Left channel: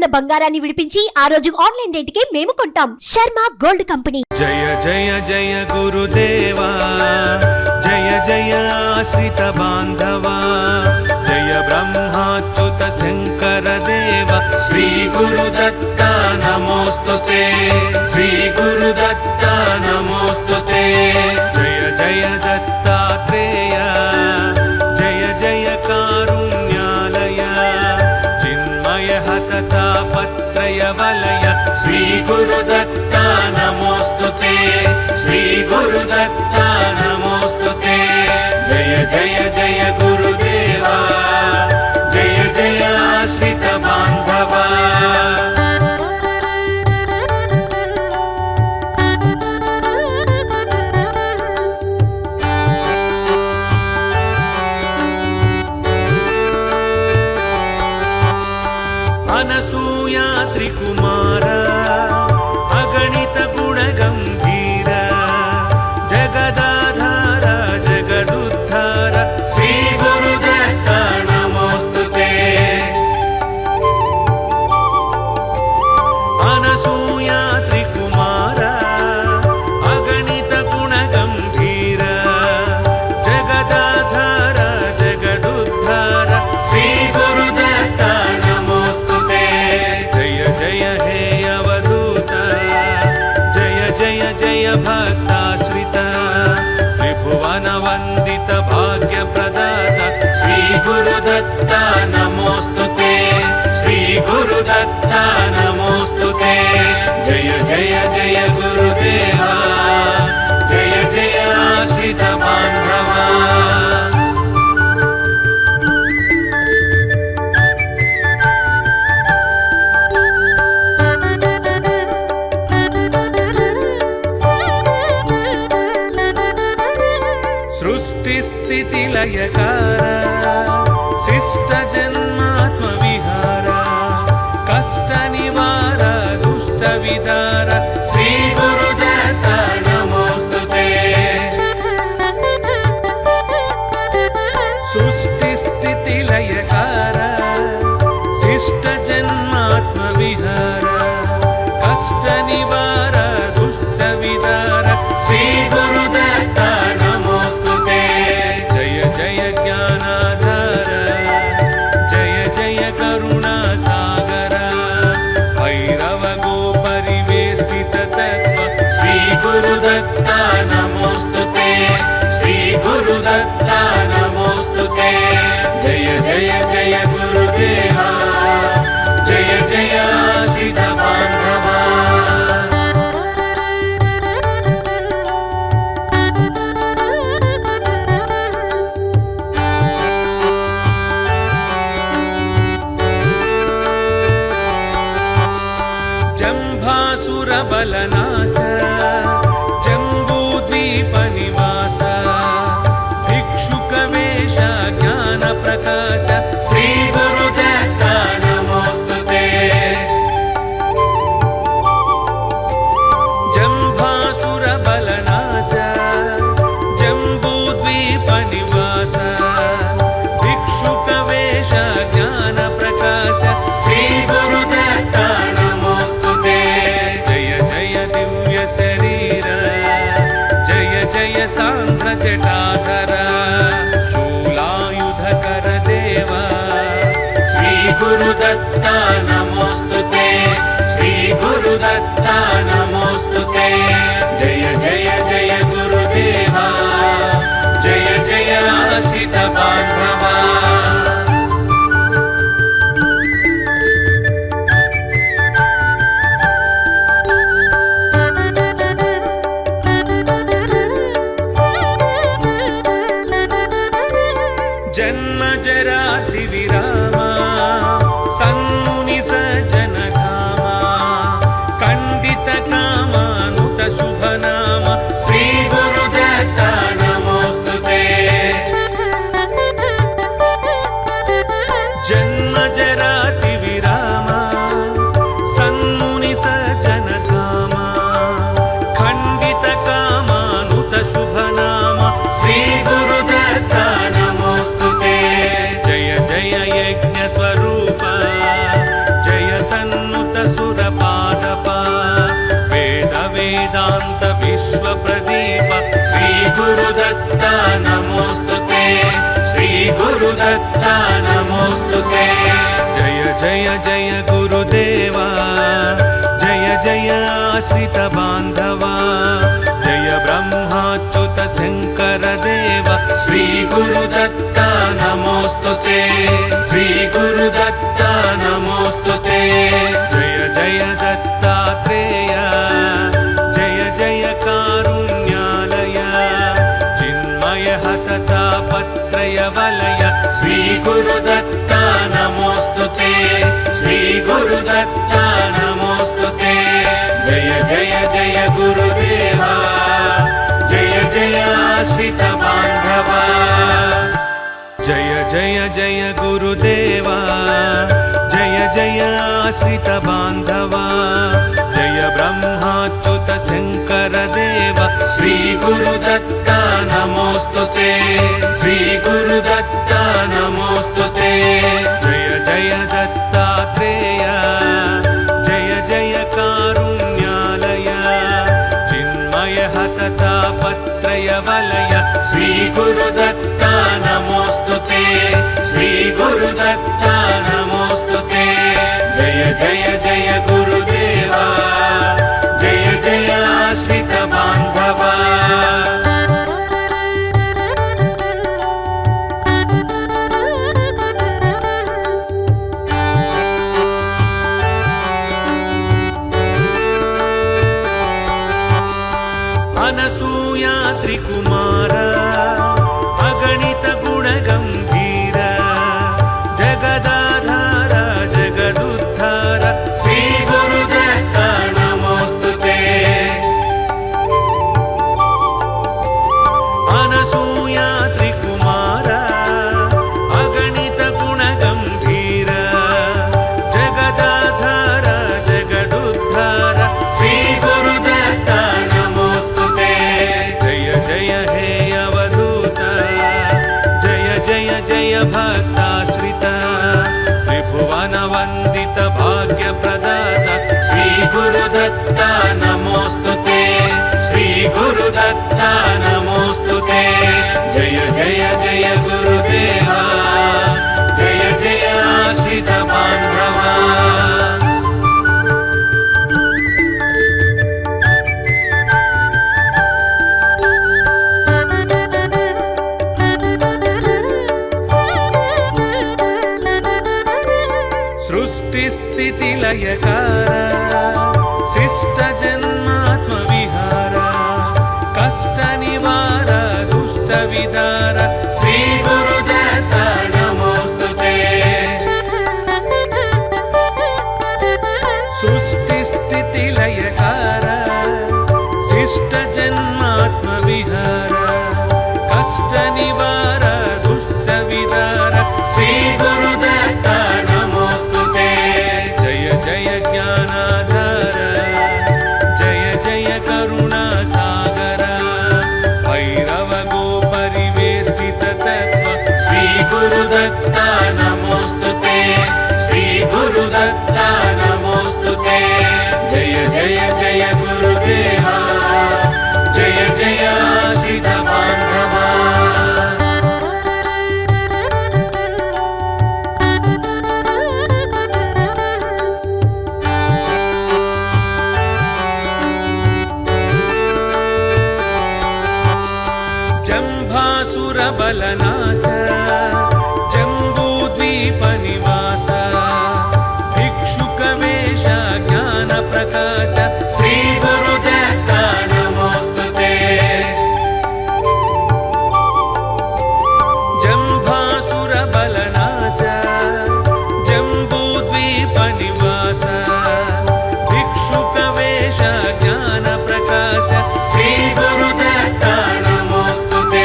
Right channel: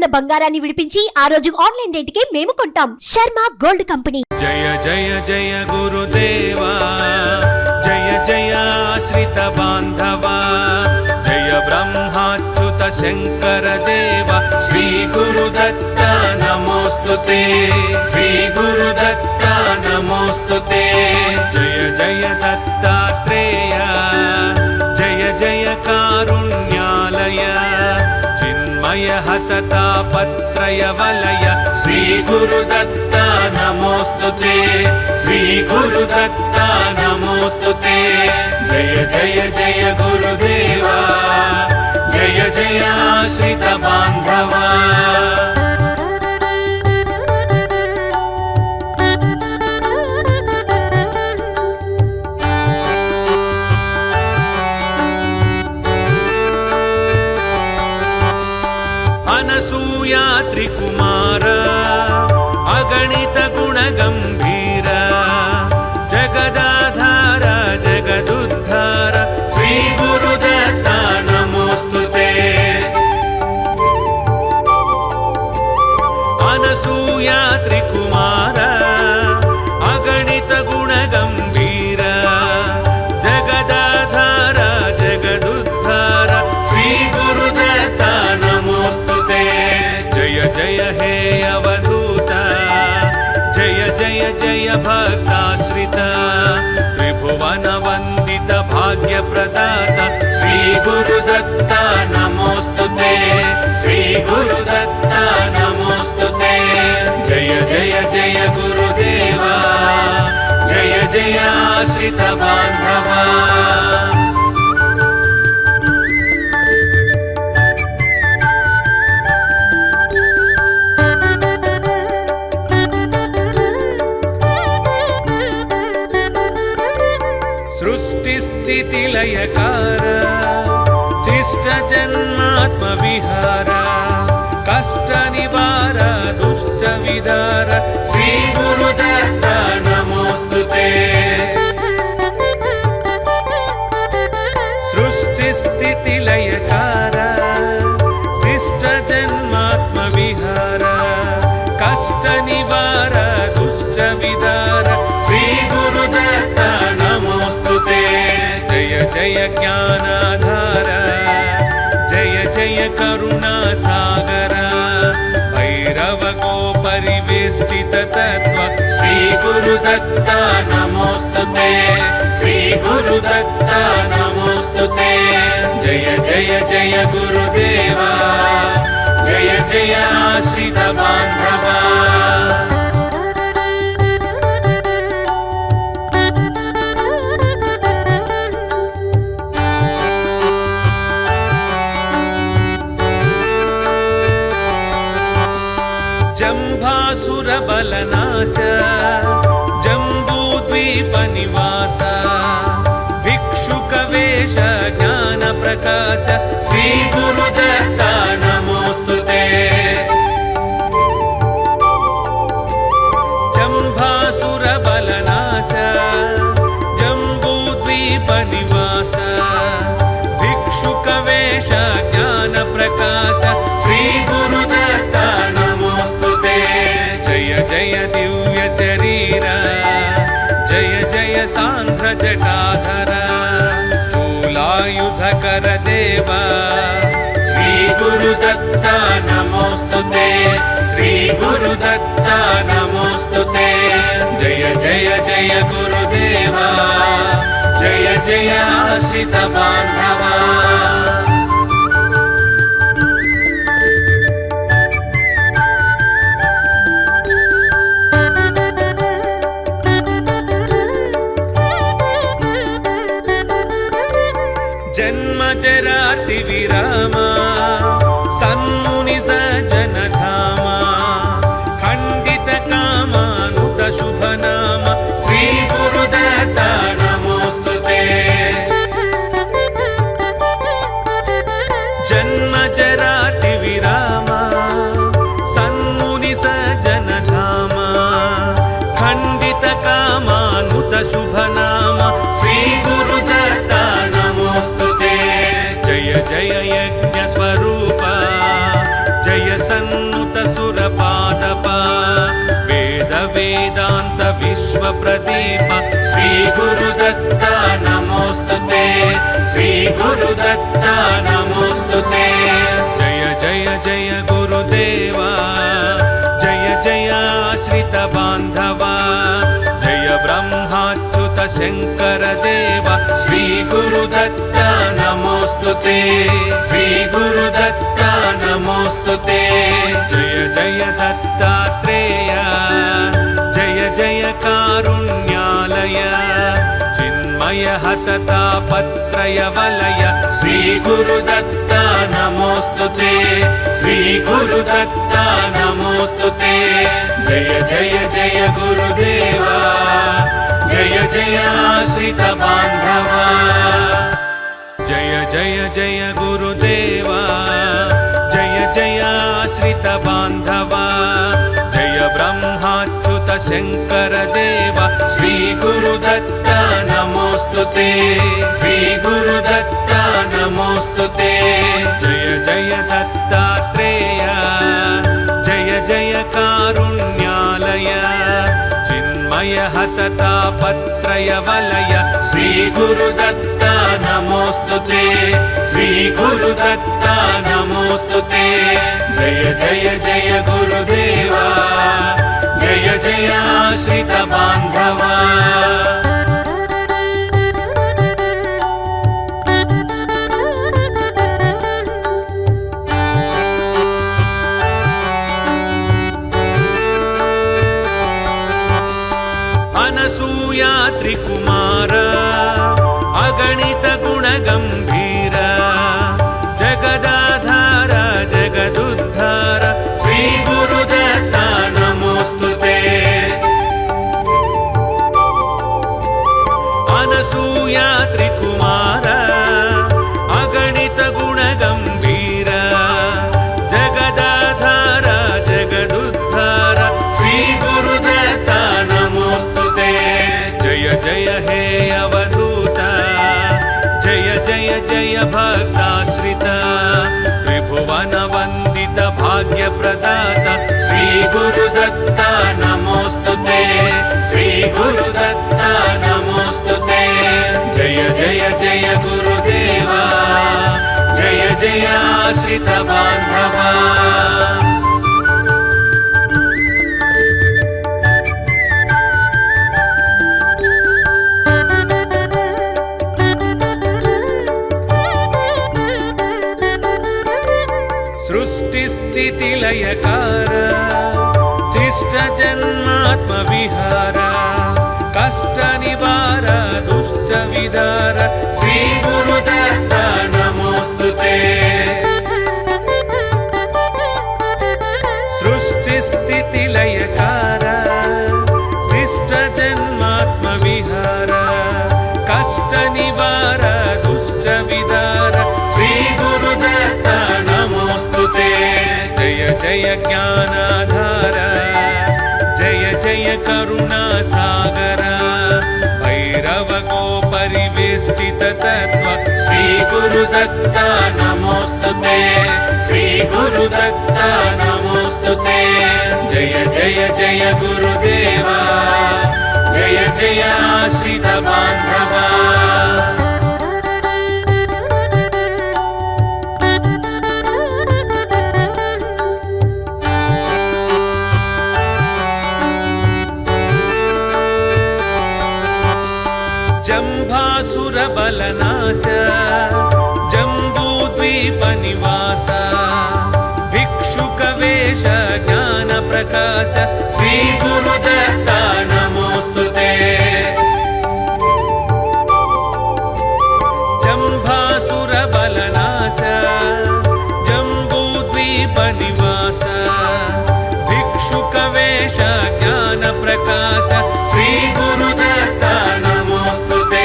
ఉన్న బంగారాన్ని విడిపించి ఆ రోజు ఆన్లైన్ రేటుకే మేము కొంటాం. Sharma gold company. జయ జయ జయ గురుదేవా, జయ జయ శ్రీత బాంధవా, జయ బ్రహ్మాచ్యుత శంకర దేవ, శ్రీ గురుదత్త నమోస్తుతే, శ్రీ గురుదత్త నమోస్తుతే. జయ జయ దత్తాత్రేయ, జయ జయ కారుణ్యాలయ, చిన్మయ హతతాపత్రయ వలయ, శ్రీ గురుదత్త నమోస్తుతే, శ్రీ గురుదత్త నమోస్తుతే. జయ జయ జయ గురుదేవా, జయ జయ ఆశ్రిత బాంధవా. అనసూయా త్రికుమార, అగణిత గుణగంభీర, జగదాధార జగదుద్ధార, శ్రీ గురుదత్త నమోస్తుతే. అనసూయా త్రికుమార, అగణిత గుణగంభీర, జగదాధార జగదుద్ధార, శ్రీ గురుదత్త నమోస్తుతే. జయ జయ హే అవధూత, జయ జయ జయ భక్తాశ్రిత, త్రిభువన వందిత భాగ్య ప్రదాత, శ్రీ గురుదత్త నమోస్తుతే, శ్రీ గురుదత్త నమోస్తుతే. జయ జయ జయ గురుదేవా, జయ జయ ఆశ్రిత బాంధవా. సృష్టి స్థితి లయకార, శిష్ట జన్మాత్మ విహార, కష్ట నివార దుష్ట విదార, శ్రీ గురుదత్త నమోస్తుతే. సృష్టి స్థితి లయకార, శిష్ట జన్మాత్మ విహార, కష్ట నివార దుష్ట విదార, శ్రీ గురుదత్త నమోస్తుతే. జయ జయ జ్ఞానాధార, జయ జయ కరుణా సాగర, భైరవ గోపరివేష్టిత తత్వ, శ్రీ గురుదత్త నమోస్తుతే, శ్రీ గురుదత్త నమోస్తుతే. జయ జయ జయ గురుదేవా, జయ జయ ఆశ్రిత బాంధవా. జంభాసుర బలనాశ, జంబూద్వీప నివాస, భిక్షుక వేష జ్ఞాన ప్రకాశ, శ్రీ గురుదత్త నమోస్తుతే. జంభాసుర బలనాశ, జంబూద్వీప నివాస, భిక్షుక వేష జ్ఞాన ప్రకాశ, శ్రీ గురుదత్త నమోస్తుతే. జయ జయ దివ్య శరీర, జయ జయ సాంధ్ర జటాధర, శూలాయుధకర దేవ, శ్రీ గురుదత్త నమోస్తుతే, శ్రీ గురుదత్త నమోస్తుతే. జయ జయ జయ గురుదేవా, జయ జయ ఆశ్రిత బాంధవా. జన్మ జరాటి విరామ, సన్ముని సజ్జన ధామ, ఖండిత కామానుత శుభనామ, శ్రీ గురుదత్త నమోస్తుతే. गुरुदत्ता नमोस्तुते जय जय जय गुरुदेवा जय जय आश्रित बान्धवा जय ब्रह्माच्युत शङ्कर देव श्री गुरुदत्ता नमोस्तुते श्री गुरुदत्ता नमोस्तुते जय जय दत्तात्रेय जय जय कारुण्यालय चिन्मय हतता पत्रय वलय श्री गुरुदत्ता नमोस्तुते श्री गुरुदत्ता नमोस्तुते जय जय जय गुरुदेवा जय जय आश्रित बान्धवा जय जय जय गुरुदेवा जय जय आश्रित बान्धवा जय ब्रह्माच्युत शङ्कर देव श्री गुरुदत्ता नमोस्तुते श्री गुरुदत्ता नमोस्तुते जय जय दत्तात्रेय जय जय कारुण्यालय चिन्मय हतता पत्रय वलय श्री गुरुदत्ता नमोस्तुते श्री गुरुदत्ता नमोस्तुते जय जय जय गुरुदेवा जय जय आश्रित बान्धवा अनसूया त्रिकुमार अगणित गुणगम्भीर जगदाधार जगदुद्धार श्री गुरुदत्ता नमोस्तुते अनसूया त्रिकुमार अगणित गुणगम्भीर जगदाधार जगदुद्धार श्री गुरुदत्ता नमोस्तुते जय जय हे अवधूत जय जय जय भक्ताश्रित त्रिभुवन वन्दित भाग्यप्रदाता श्री गुरुदत्ता नमोस्तुते श्री गुरुदत्ता नमोस्तुते जय जय जय गुरुदेवा जय जय आश्रित बान्धवा सृष्टिस्थितिलयकार शिष्ट जन्मात्मविहार कष्टनिवार दुष्टविदार श्री गुरुदत्ता नमोस्तुते सृष्टिस्थितिलयकार शिष्ट जन्मात्मविहार कष्टनिवार दुष्टविदार श्री गुरुदत्ता नमोस्तुते जय जय ज्ञानाधार जय जय करुणासागर भैरव गोपरिवेष्टित तत्त्व श्री गुरुदत्ता नमोस्तुते श्री गुरुदत्ता नमोस्तुते जय जय जय गुरुदेवा जय जय आश्रित बान्धवा जम्भासुरबलनाश जम्बूद्वीपनिवास भिक्षुकवेश ज्ञानप्रकाश श्री गुरुदत्ता नमोस्तुते जम्भासुरबलनाश जम्बूद्वीपनिवास भिक्षुकवेश ज्ञानप्रकाश श्री गुरुदत्ता नमोस्तुते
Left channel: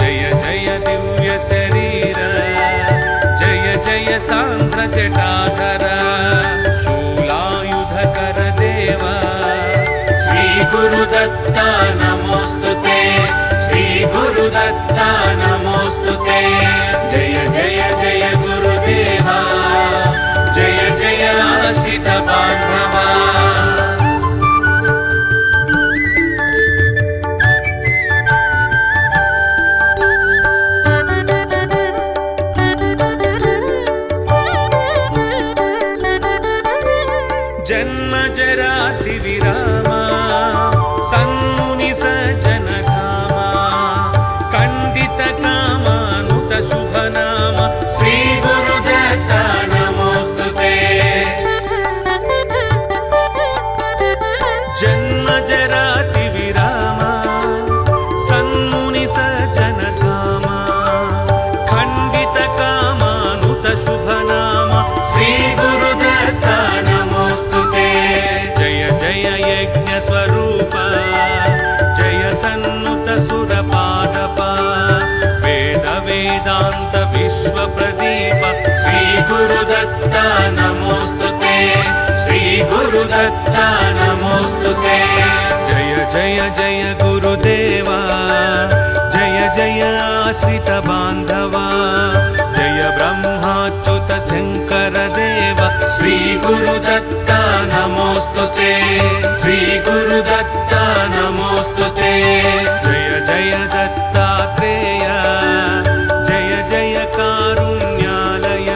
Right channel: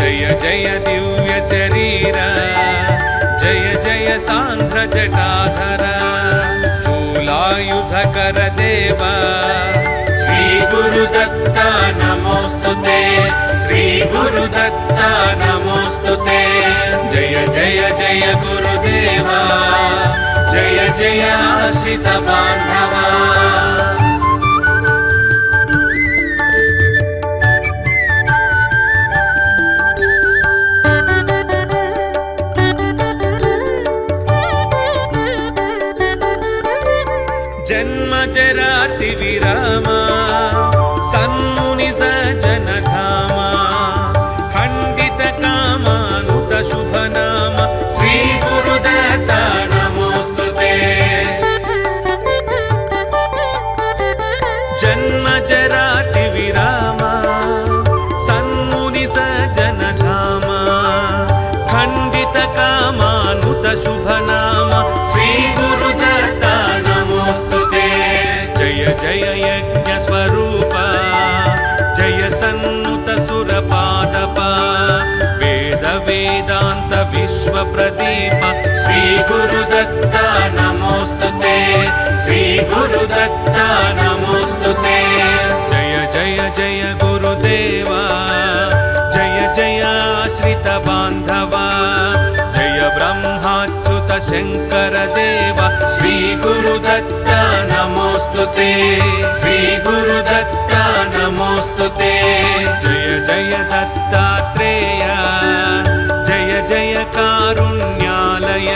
जय जय दिव्य शरीर जय जय सांध्र जटाधर शूलायुधकर देव श्री गुरुदत्ता नमोस्तुते श्री गुरुदत्ता नमोस्तुते जय जय जय गुरुदेवा जय जय आश्रित बान्धवा जन्मजराति विरामा सन्मुनि सज्जनधामा खण्डितकामानुत शुभनाम श्री गुरुदत्त नमोस्तुते जन्मजराति विरामा सन्मुनि सज्जनधामा खण्डितकामानुत शुभनाम श्री गुरुदत्त नमोस्तुते जय जय यज्ञ स्वरूप जय सन्नुत सुरपादप वेद वेदांत विश्व प्रदीप श्री गुरुदत्त नमोस्तुते श्री गुरुदत्त नमोस्तुते जय जय जय गुरुदेवा जय जय आश्रित बांधवा जय ब्रह्माच्युत शंकर देव श्री गुरुदत्त नमोस्तुते श्री गुरुदत्त नमोस्तुते जय जय दत्तात्रेय जय जय कारुण्यालय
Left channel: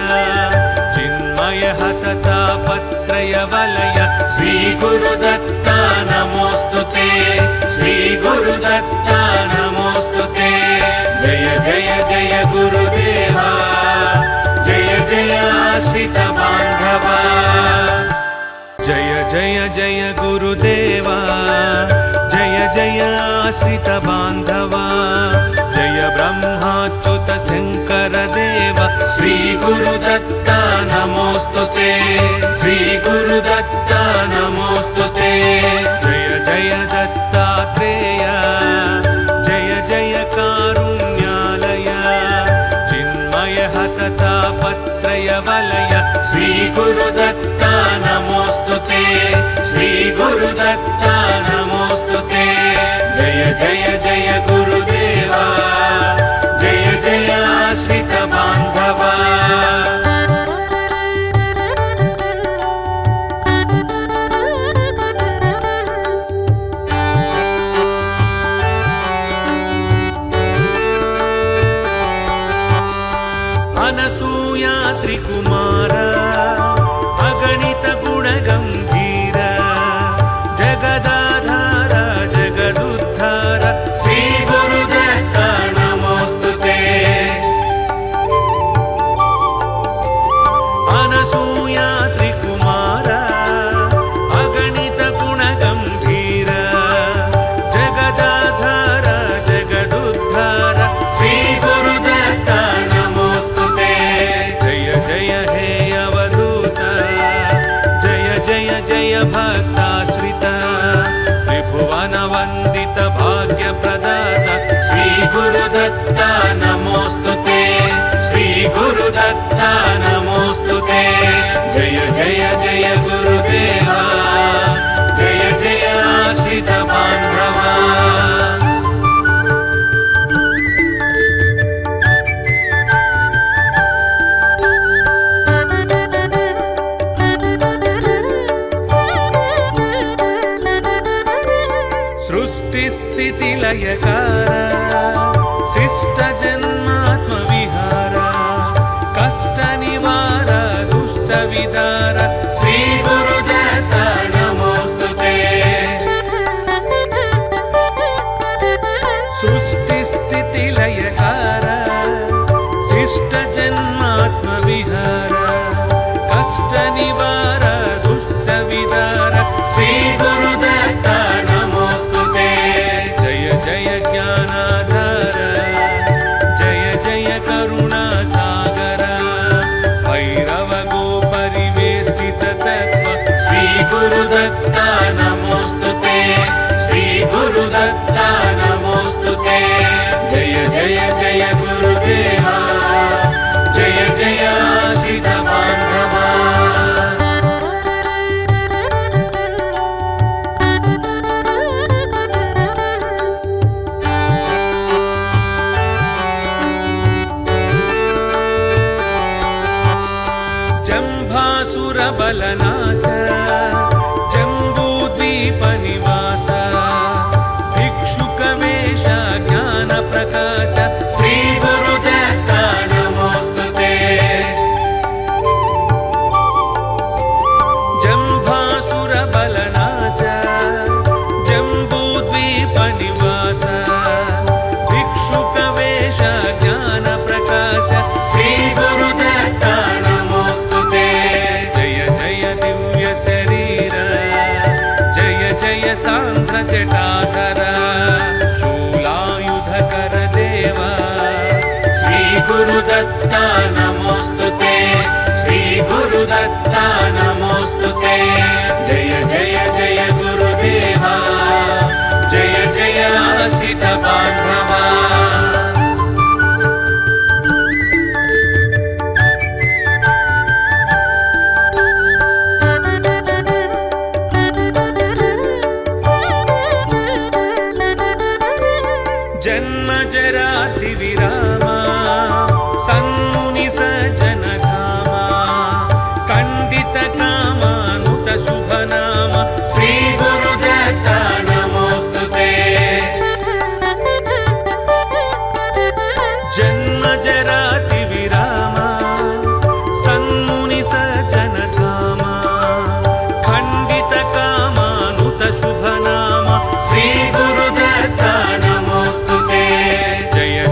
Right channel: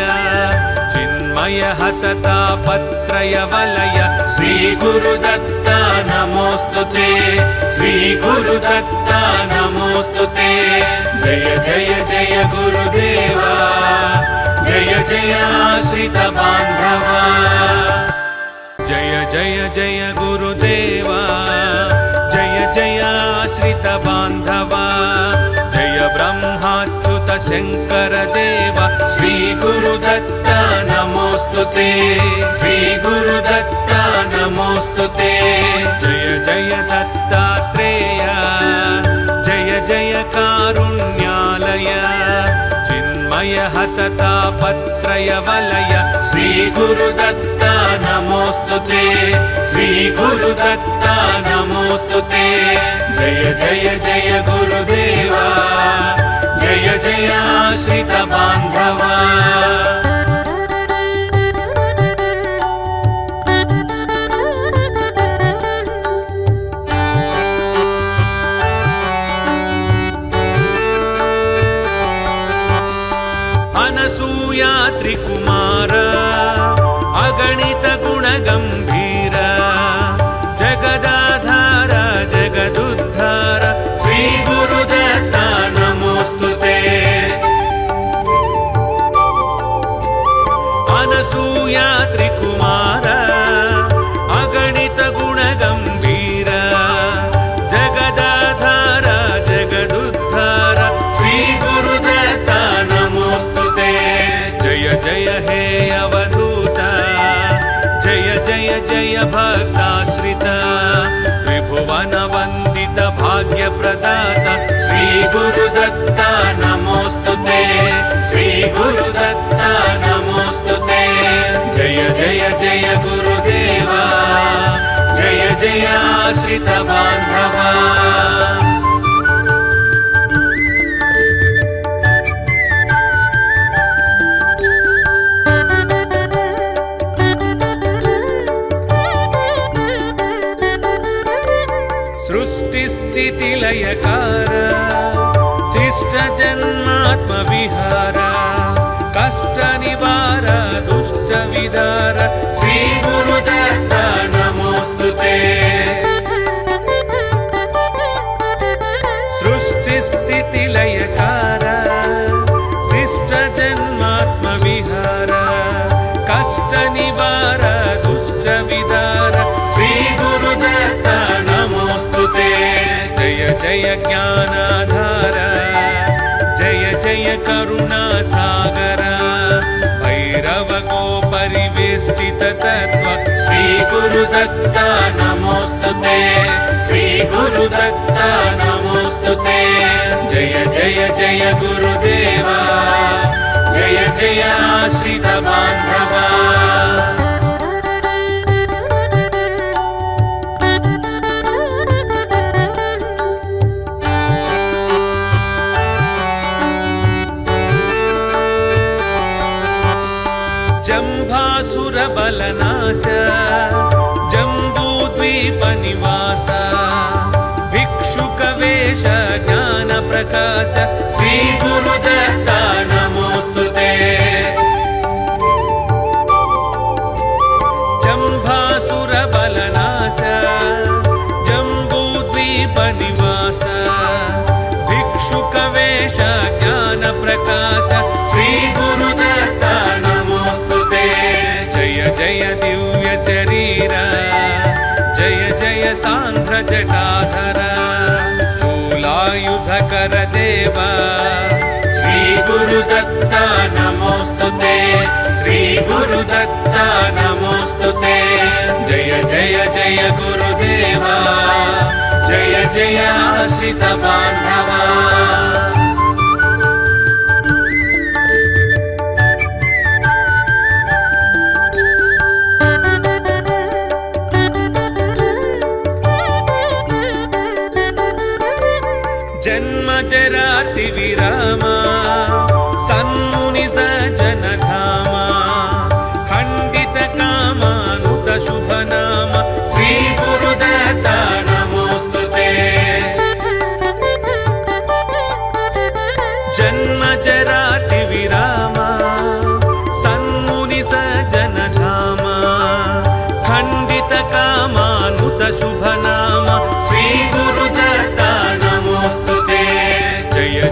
चिन्मय हततापत्रय वलय श्री गुरुदत्त नमोस्तुते श्री गुरुदत्त नमोस्तुते जय जय जय गुरुदेवा जय जय आश्रित बांधवा जय जय जय गुरुदेवा जय जय आश्रित बांधवा जय ब्रह्माच्युत शंकर देव श्री गुरुदत्त नमोस्तुते श्री गुरुदत्त नमोस्तुते जय जय दत्तात्रेय जय जय कारुण्यालय चिन्मय हततापत्रय वलय श्री गुरुदत्त नमोस्तुते श्री गुरुदत्त नमोस्तुते जय जय जय गुरुदेवा जय जय आश्रित बांधवा अनसूया त्रिकुमार अगणित गुणगंभीर जगदाधार जगदुद्धार श्री गुरुदत्त नमोस्तुते अनसूया त्रिकुमार अगणित गुणगंभीर जगदाधार जगदुद्धार श्री गुरुदत्त नमोस्तुते जय जय हे अवधूत जय जय जय भक्ताश्रित त्रिभुवन वंदित भाग्य प्रदाता श्री गुरुदत्त नमोस्तुते श्री गुरुदत्त नमोस्तुते जय जय जय गुरुदेवा जय जय आश्रित बांधवा सृष्टि स्थिति लयकार शिष्ट जन्मात्म विहार कष्ट निवार दुष्ट विदार श्री गुरुदत्त नमोस्तुते सृष्टि स्थिति लयकार शिष्ट जन्मात्म विहार कष्ट निवार दुष्ट विदार श्री गुरुदत्त नमोस्तुते जय जय ज्ञानाधार जय जय करुणा सागर भैरव को परिवेष्टित तत्व श्री गुरुदत्त नमोस्तुते श्री गुरुदत्त नमोस्तुते जय जय जय गुरुदेवा जय जय आश्रित बांधवा जम्भासुरबलनाश जम्बूद्वीपनिवास भिक्षुक जय दिव्य शरीर जय जय सांध्र जटाधर शूलायुधकर देव श्री गुरुदत्ता नमोस्तुते श्री गुरुदत्ता नमोस्तुते जय जय जय गुरुदेवा जय जय आश्रित बांधवा जन्म जराति विरामा सन्मुनि सज्जन धामा खंडित कामानुत शुभ नाम श्री गुरुदत्ता नमोस्तुते जन्म जराति विरामा सन्मुनि सज्जन धामा खंडित कामानुत शुभ नाम श्री गुरुदत्ता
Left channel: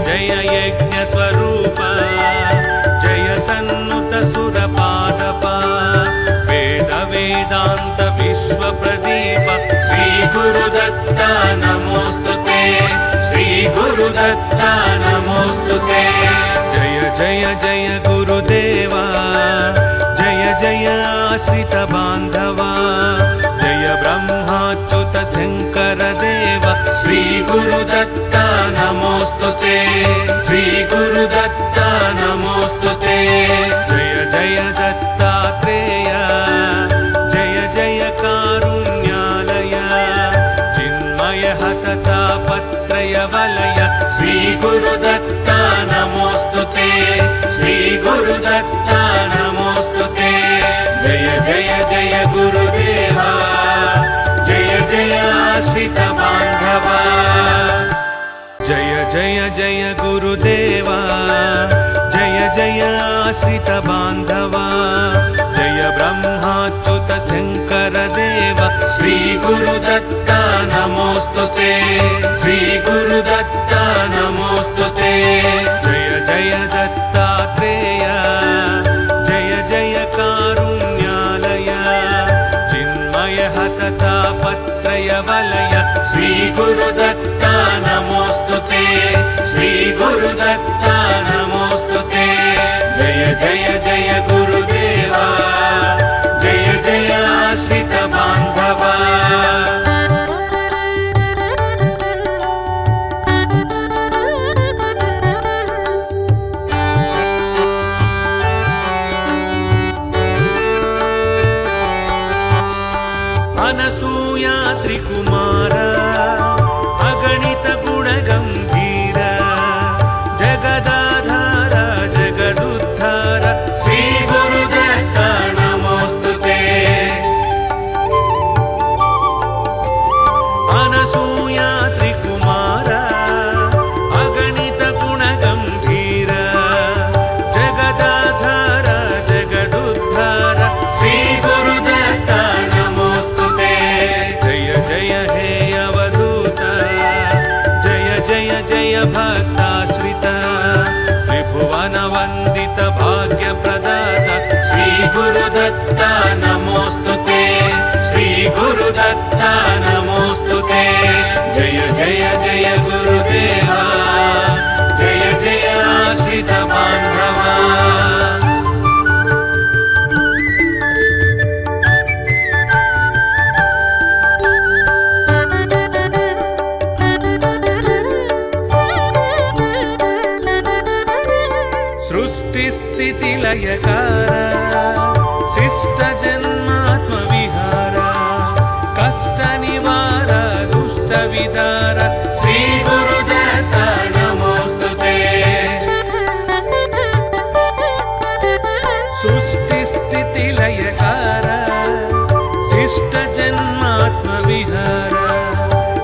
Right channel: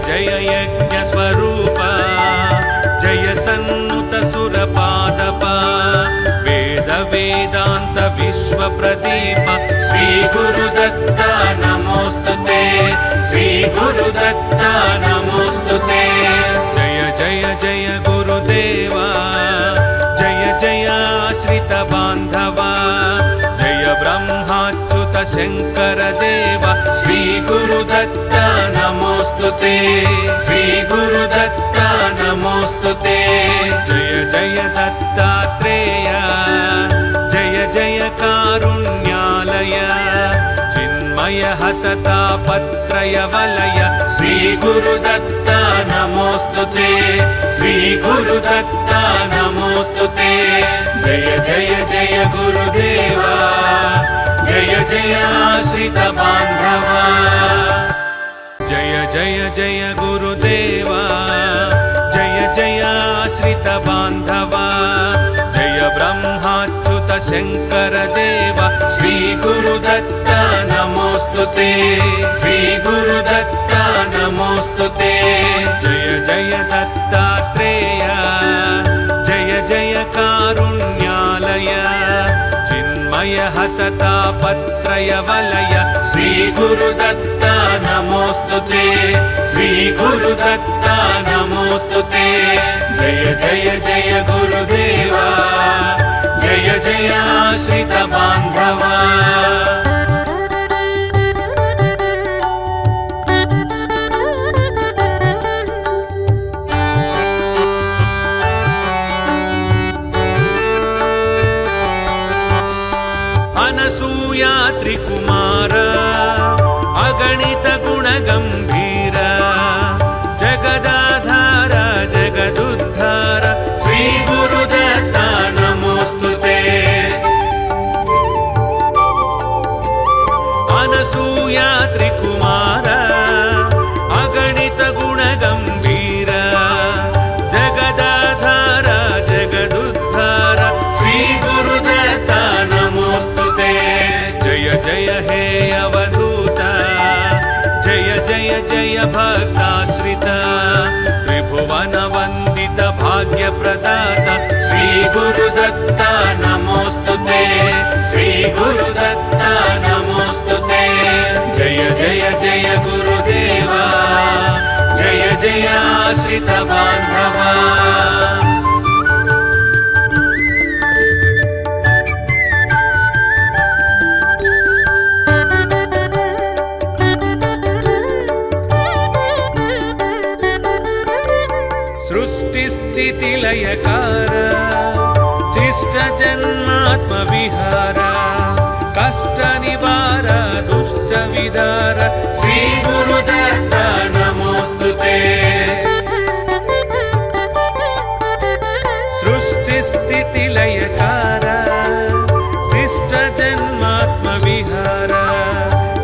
जय यज्ञ स्वरूप जय सन्नुत सुरपादप वेद वेदांत विश्व प्रदीप श्री गुरुदत्ता नमोस्तुते श्री गुरुदत्ता नमोस्तुते जय जय जय गुरुदेवा जय जय आश्रित बांधवा जय ब्रह्माच्युत शंकर देव श्री गुरुदत्ता नमोस्तुते श्री गुरुदत्ता नमोस्तुते जय जय दत्तात्रेय जय जय कारुण्यालय चिन्मय हततापत्रय वलय श्री गुरुदत्ता नमोस्तुते श्री गुरुदत्ता नमोस्तुते जय जय जय गुरुदेवा जय जय आश्रित बांधवा जय जय जय गुरुदेवा जय जय आश्रित बांधवा जय ब्रह्माच्युत शंकर देव श्री गुरुदत्ता नमोस्तुते श्री गुरुदत्ता नमोस्तुते जय जय दत्तात्रेय जय जय कारुण्यालय चिन्मय हततापत्रय वलय श्री गुरुदत्ता नमोस्तुते श्री गुरुदत्ता नमोस्तुते जय जय जय गुरुदेवा जय जय आश्रित बांधवा अनसूया त्रिकुमार अगणित गुणगंभीर जगदाधार जगदुद्धार श्री गुरुदत्ता नमोस्तुते अनसूया त्रिकुमार अगणित गुणगंभीर जगदाधार जगदुद्धार श्री गुरुदत्ता नमोस्तुते जय जय हे अवधूत जय जय जय भक्ताश्रित त्रिभुवन वंदित भाग्य प्रदाता श्री गुरुदत्ता नमोस्तुते श्री गुरुदत्ता नमोस्तुते जय जय जय गुरुदेवा जय जय आश्रित बांधवा सृष्टि स्थिति लयकार शिष्ट जन्मात्म विहार कष्ट निवार दुष्ट विदार श्री गुरुदत्ता नमोस्तुते सृष्टि स्थिति लयकार शिष्ट जन्मात्म विहार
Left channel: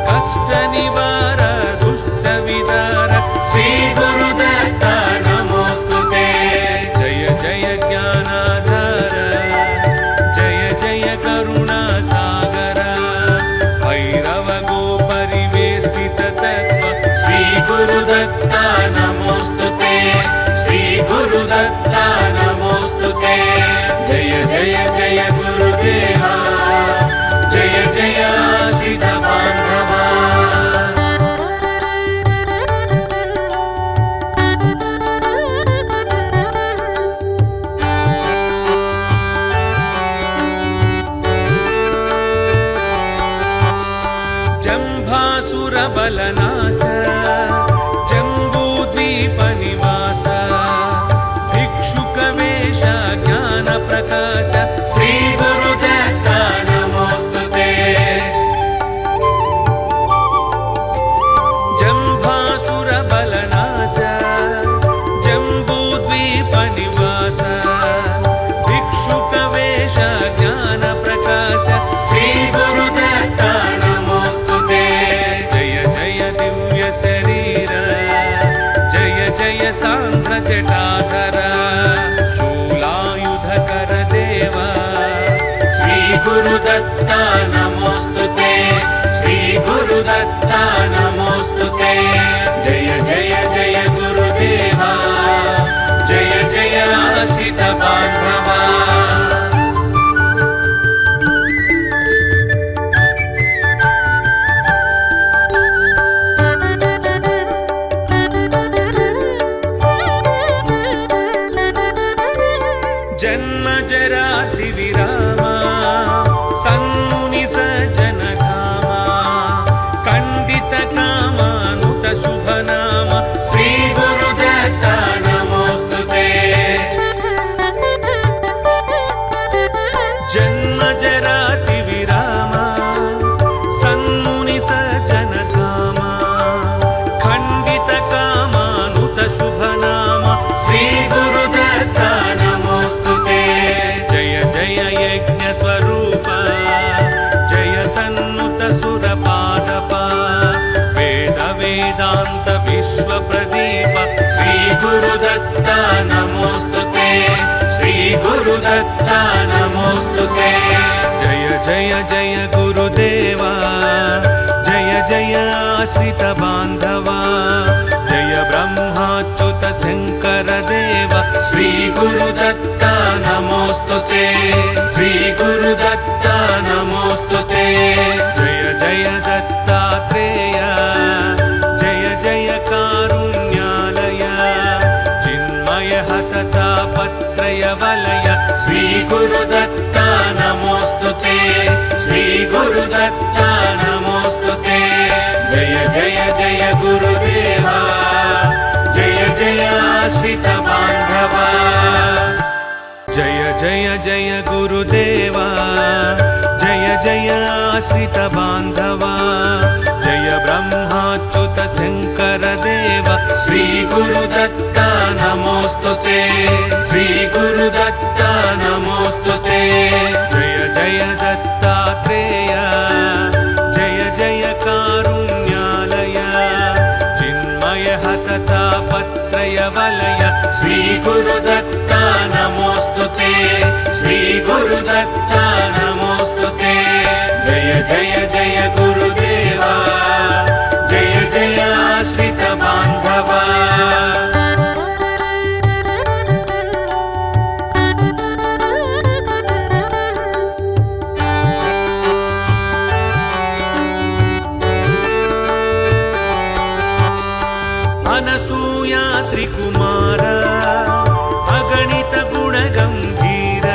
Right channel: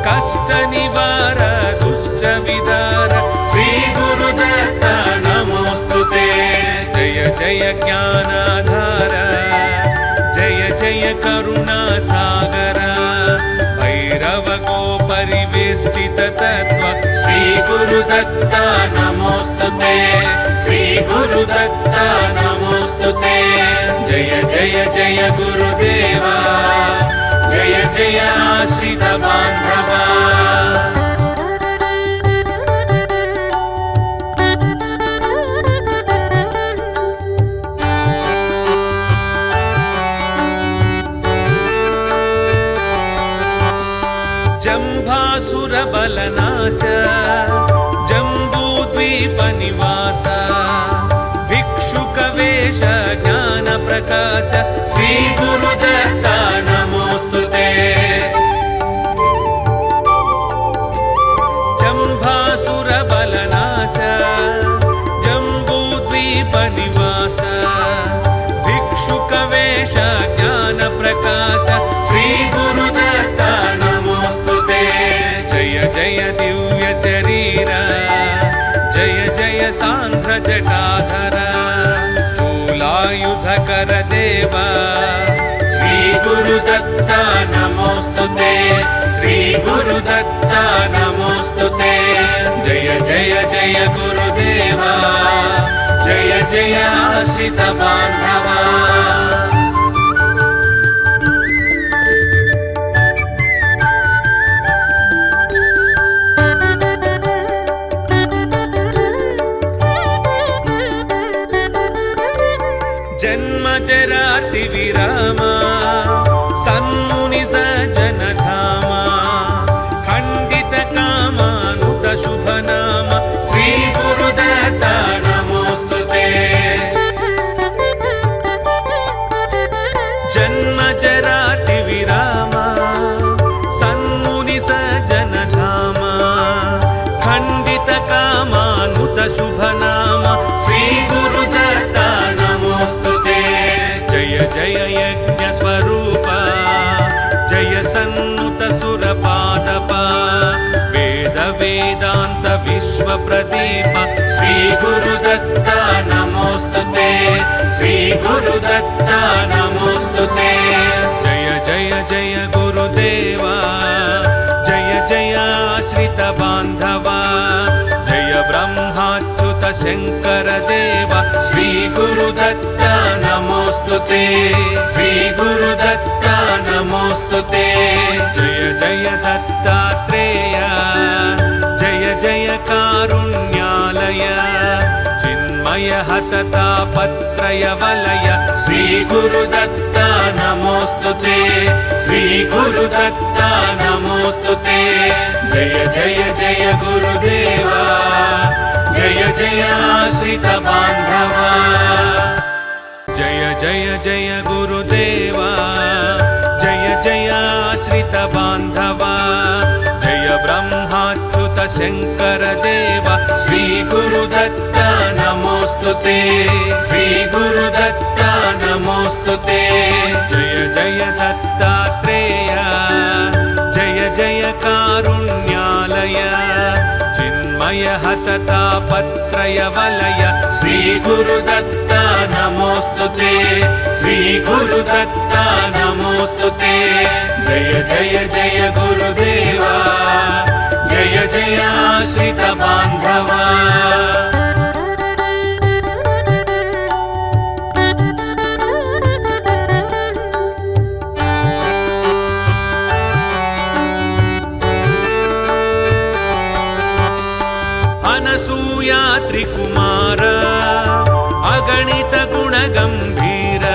कष्ट निवार दुष्ट विदार श्री गुरुदत्ता नमोस्तुते जय जय ज्ञानाधार जय जय करुणा सागर भैरव गो परिवेष्टित तत्व श्री गुरुदत्ता नमोस्तुते श्री गुरुदत्ता नमोस्तुते जय जय जय गुरु गुरुदेवा जय जय आश्रित बान्धवा जम्भासुरबलनाश जम्बूद्वीपनिवास भिक्षुकवेश ज्ञानप्रकाश श्रीगुरुदत्ता नमोऽस्तुते जम्भासुरबलनाश जम्बूद्वीपनिवास भिक्षुकवेश ज्ञानप्रकाश श्रीगुरुदत्ता नमोऽस्तुते जय जय दिव्य शरीर जय जय सांस जटाधर शूलायुधकर देव श्री गुरुदत्ता नमोऽस्तुते श्री गुरुदत्ता नमोऽस्तुते जय जय जय गुरुदेवा जय जय आश्रित बान्धवा जन्म जराति विरामा सन्मुनि सज्जन धामा खण्डित कामानुत शुभ नाम श्री गुरुदत्ता नमोऽस्तुते जन्म जराति विरामा सन्मुनि सज्जन धामा खण्डित कामानुत शुभ नाम श्री गुरुदत्ता जय यज्ञ स्वरूप जय सन्नुत सुरपादप वेद वेदांत विश्व प्रदीप श्री गुरुदत्ता नमोऽस्तुते श्री गुरुदत्ता नमोऽस्तुते जय जय जय गुरुदेवा जय जय आश्रित बान्धवा जय ब्रह्माच्युत शङ्कर देव श्री गुरुदत्ता नमोऽस्तुते श्री गुरुदत्ता नमोऽस्तुते जय जय दत्तात्रेय जय जय कारुण्यालय चिन्मय हततापत्रय वलय श्री गुरुदत्ता नमोऽस्तुते श्री गुरुदत्ता नमोऽस्तुते जय जय जय गुरुदेवा जय जय आश्रित बान्धवा जय जय जय गुरुदेवा जय जय आश्रित बान्धवा जय ब्रह्माच्युत शङ्कर देव श्री गुरुदत्ता नमोऽस्तुते श्री गुरुदत्ता नमोऽस्तुते जय जय दत्तात्रेय जय जय कारुण्यालय चिन्मय हततापत्रय वलय श्री गुरुदत्ता नमोऽस्तुते श्री गुरुदत्ता नमोऽस्तुते जय जय जय गुरुदेवा जय जय आश्रित बान्धवा अनसूयाद्रि कुमार अगणित गुण गंभीर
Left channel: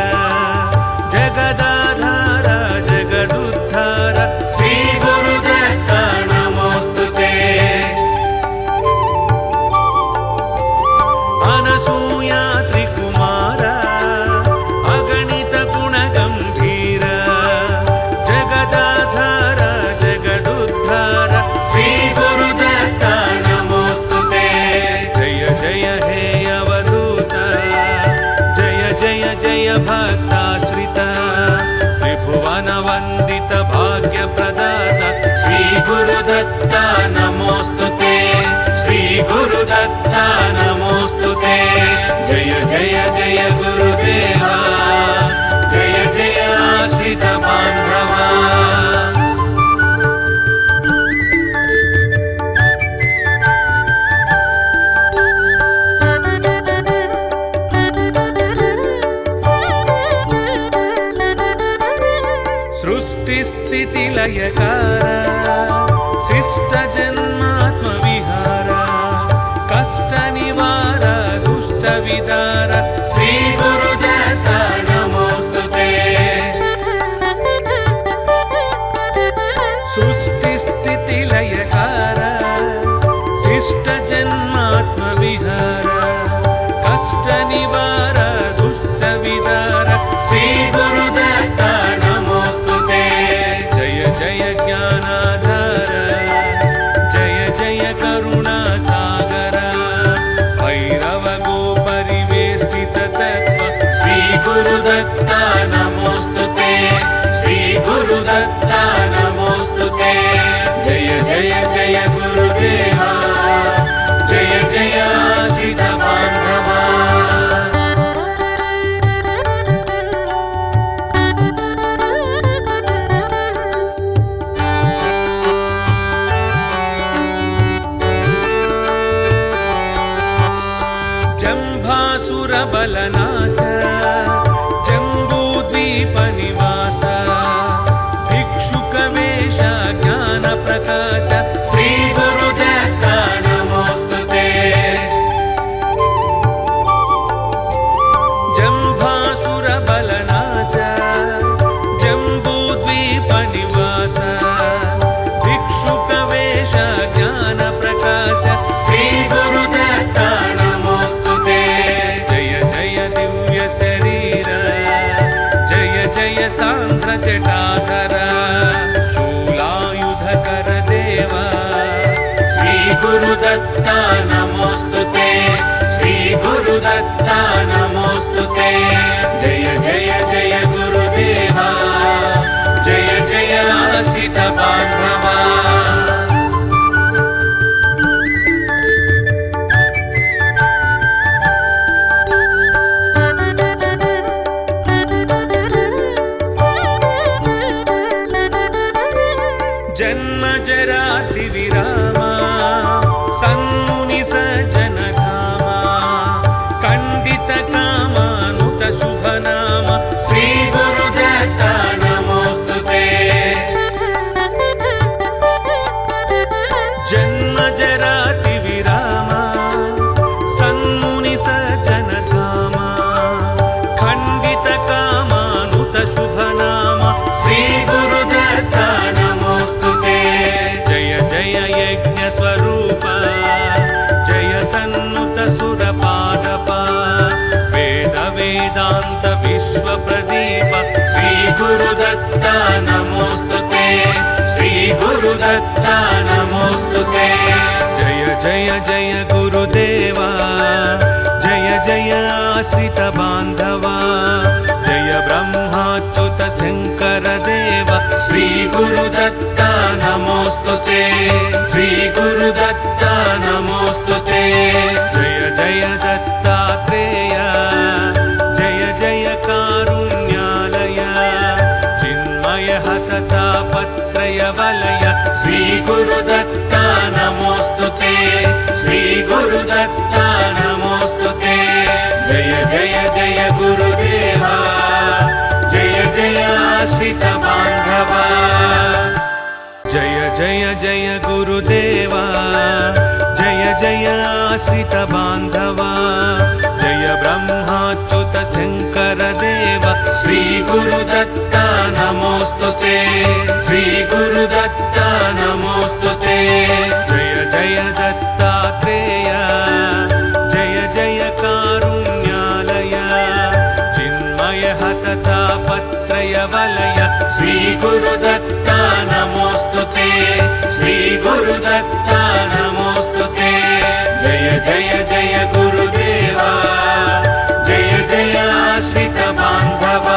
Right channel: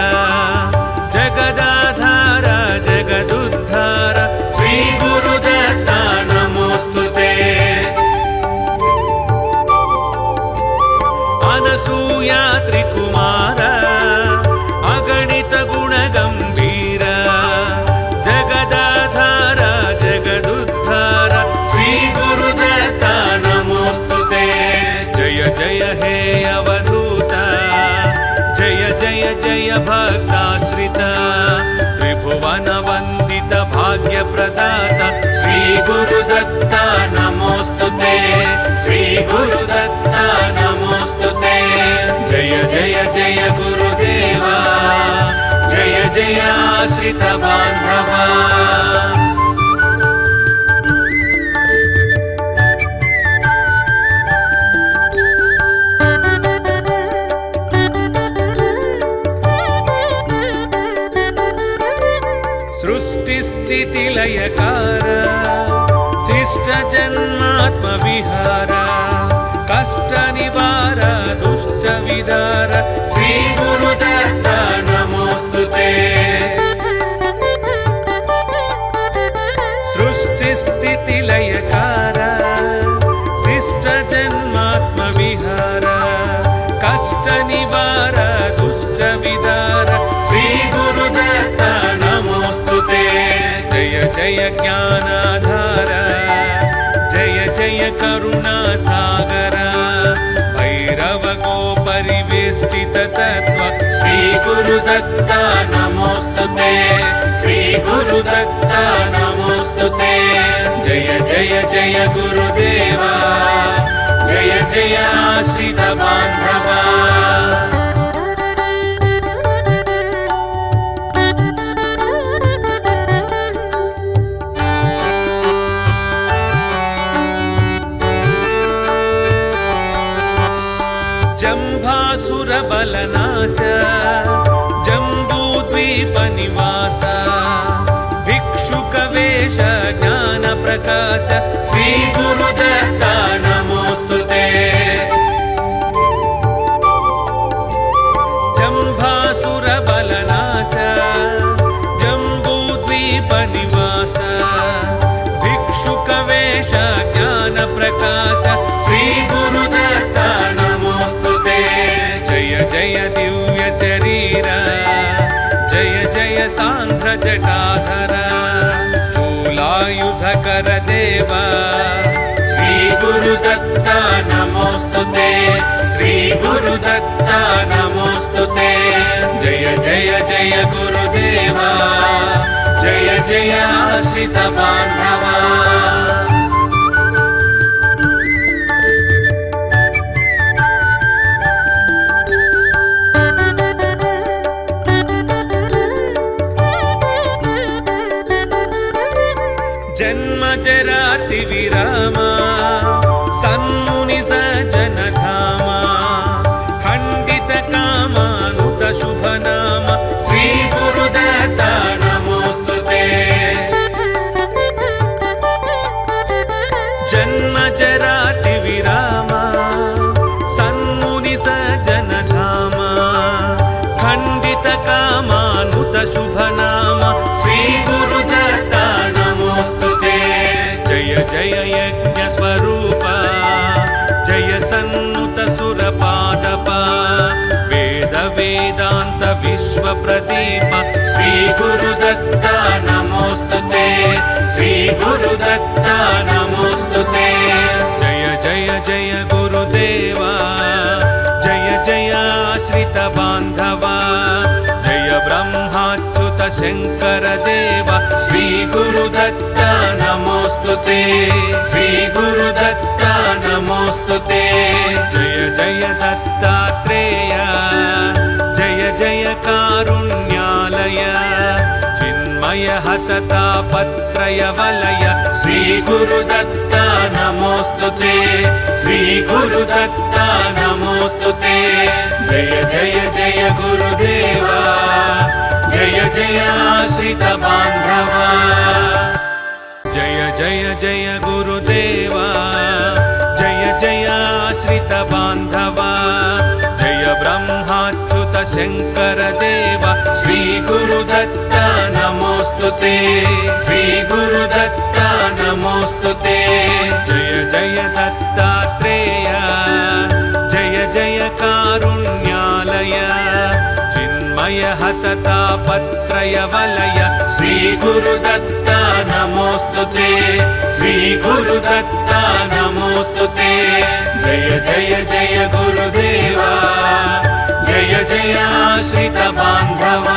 जगदाधार जगदुद्धार सृष्टिस्थितिलयकार शिष्टजन्मात्मविहार कष्टनिवार दुष्टविदार श्रीगुरुदत्त नमोऽस्तुते सृष्टिस्थितिलयकार शिष्टजन्मात्मविहार कष्टनिवार दुष्टविदार श्रीगुरुदत्त नमोऽस्तुते जय जय ज्ञानाधार जय जय करुणासागर भैरव गोपरिवेष्टित तत्त्व श्रीगुरुदत्त नमोऽस्तुते श्रीगुरुदत्त नमोऽस्तुते जय जय जय गुरुदेवा जय जय आश्रित बान्धवा जम्भासुरबलनाश जम्बूद्वीपनिवास भिक्षुकवेश ज्ञानप्रकाश श्रीगुरुदत्त नमोऽस्तुते जम्भासुरबलनाश जम्बूद्वीपनिवास भिक्षुकवेश ज्ञानप्रकाश श्रीगुरुदत्त नमोऽस्तुते जय जय दिव्य शरीर जय जय सांध्र जटाधर शूलायुधकर देव श्रीगुरुदत्त नमोऽस्तुते श्रीगुरुदत्त नमोऽस्तुते जय जय जय गुरुदेवा जय जय आश्रित बान्धवा जन्मजराति विरामा सन्मुनि सज्जन धामा खण्डित कामानुत शुभनाम श्रीगुरुदत्त नमोऽस्तुते जन्मजराति विरामा सन्मुनि सज्जन धामा खण्डित कामानुत शुभनाम श्रीगुरुदत्त जय जय यज्ञ स्वरूप जय सन्नुत सुरपादप वेद वेदांत विश्व प्रदीप श्रीगुरुदत्त नमोऽस्तुते श्रीगुरुदत्त नमोऽस्तुते जय जय जय गुरुदेवा जय जय आश्रित बान्धवा जय ब्रह्माच्युत शङ्कर देव श्रीगुरुदत्त नमोऽस्तुते श्रीगुरुदत्त नमोऽस्तुते जय जय दत्तात्रेय जय जय कारुण्यालय चिन्मय हततापत्रय वलय श्रीगुरुदत्त नमोऽस्तुते श्रीगुरुदत्त नमोऽस्तुते जय जय जय गुरुदेवा जय जय आश्रित बान्धवा जय जय जय गुरुदेवा जय जय आश्रित बान्धवा जय ब्रह्माच्युत शङ्कर देव श्रीगुरुदत्त नमोऽस्तुते श्रीगुरुदत्त नमोऽस्तुते जय जय दत्तात्रेय जय जय कारुण्यालय चिन्मय हततापत्रय वलय श्रीगुरुदत्त नमोऽस्तुते श्रीगुरुदत्त नमोऽस्तुते जय जय जय गुरुदेवा जय जय आश्रित बान्धवा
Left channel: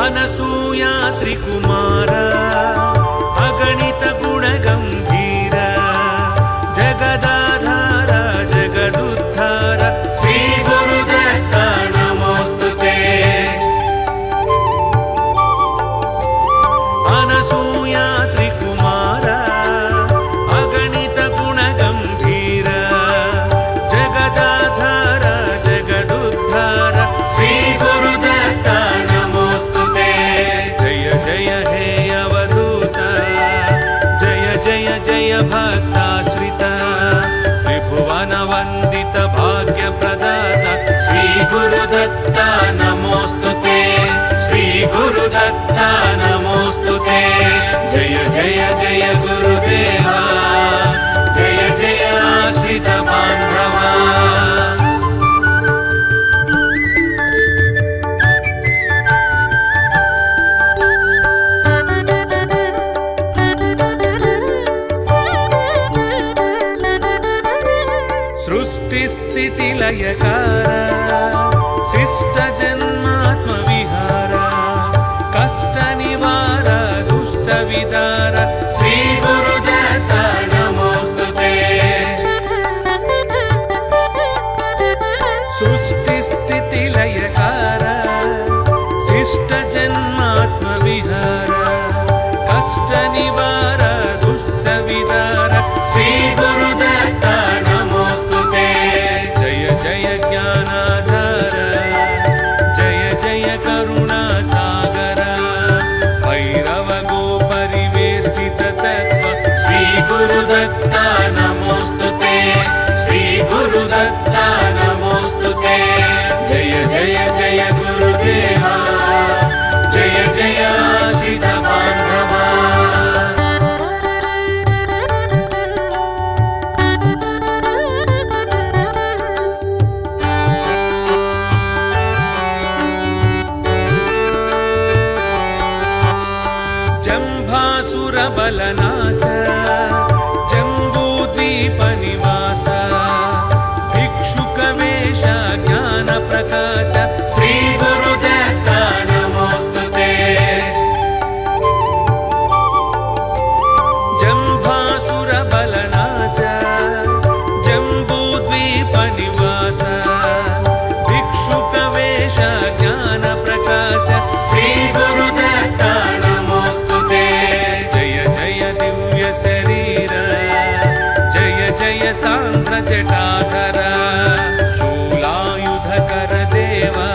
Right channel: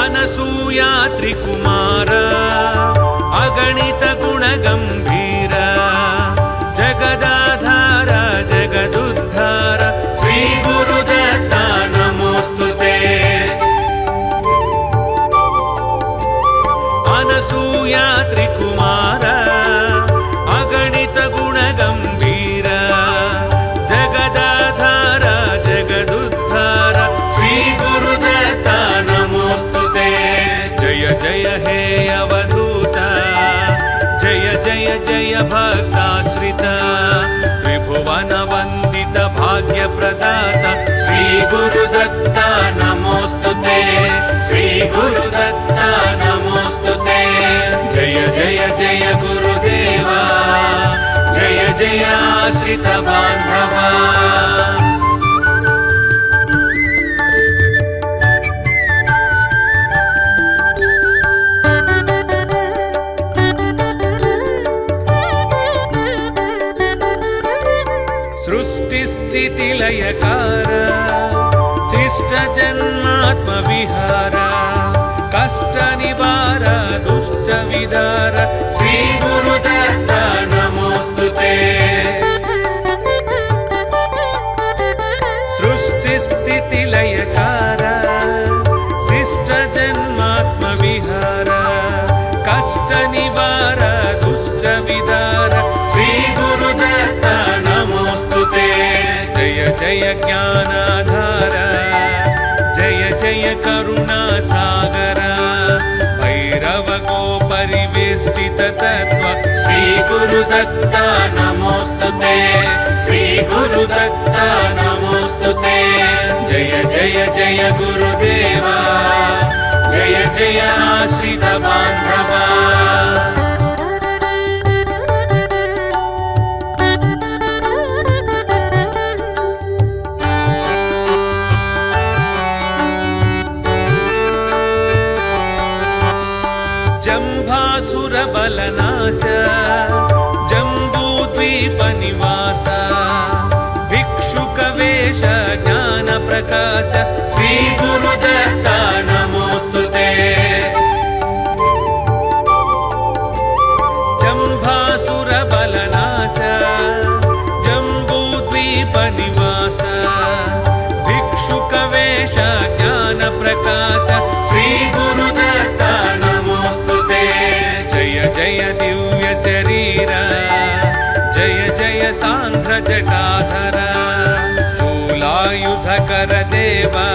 अनसूयाद्रि कुमार अगणित गुणगम्भीर जगदाधार जगदुद्धार श्रीगुरुदत्त नमोऽस्तुते अनसूयाद्रि लयकार शिष्ट जन्मात्म विहार कष्ट निवार दुष्ट विदार श्री गुरुदत्त नमोस्तुते सृष्टि स्थिति लयकार शिष्ट जन्मात्म विहार कष्ट निवार दुष्ट विदार श्री गुरुदत्त नमोस्तुते जय जय ज्ञानाधार जय जय करुणा सागर भैरव गो परिवेष्टित तत्व श्री गुरुदत्त नमोस्तुते श्री गुरुदत्त नमोस्तुते जय जय जय गुरुदेवा जय जय आश्रित बांधवा जंभासुर बलनाश जंबूद्वीप निवास भिक्षुक वेश ज्ञान प्रकाश श्री गुरुदत्त नमोस्तुते जंभासुर बलनाश जंबूद्वीप निवास भिक्षुक वेश ज्ञान प्रकाश श्री गुरुदत्त नमोस्तुते जय जय दिव्य शरीर जय जय सांध्र जटाधर शूलायुधकर देवा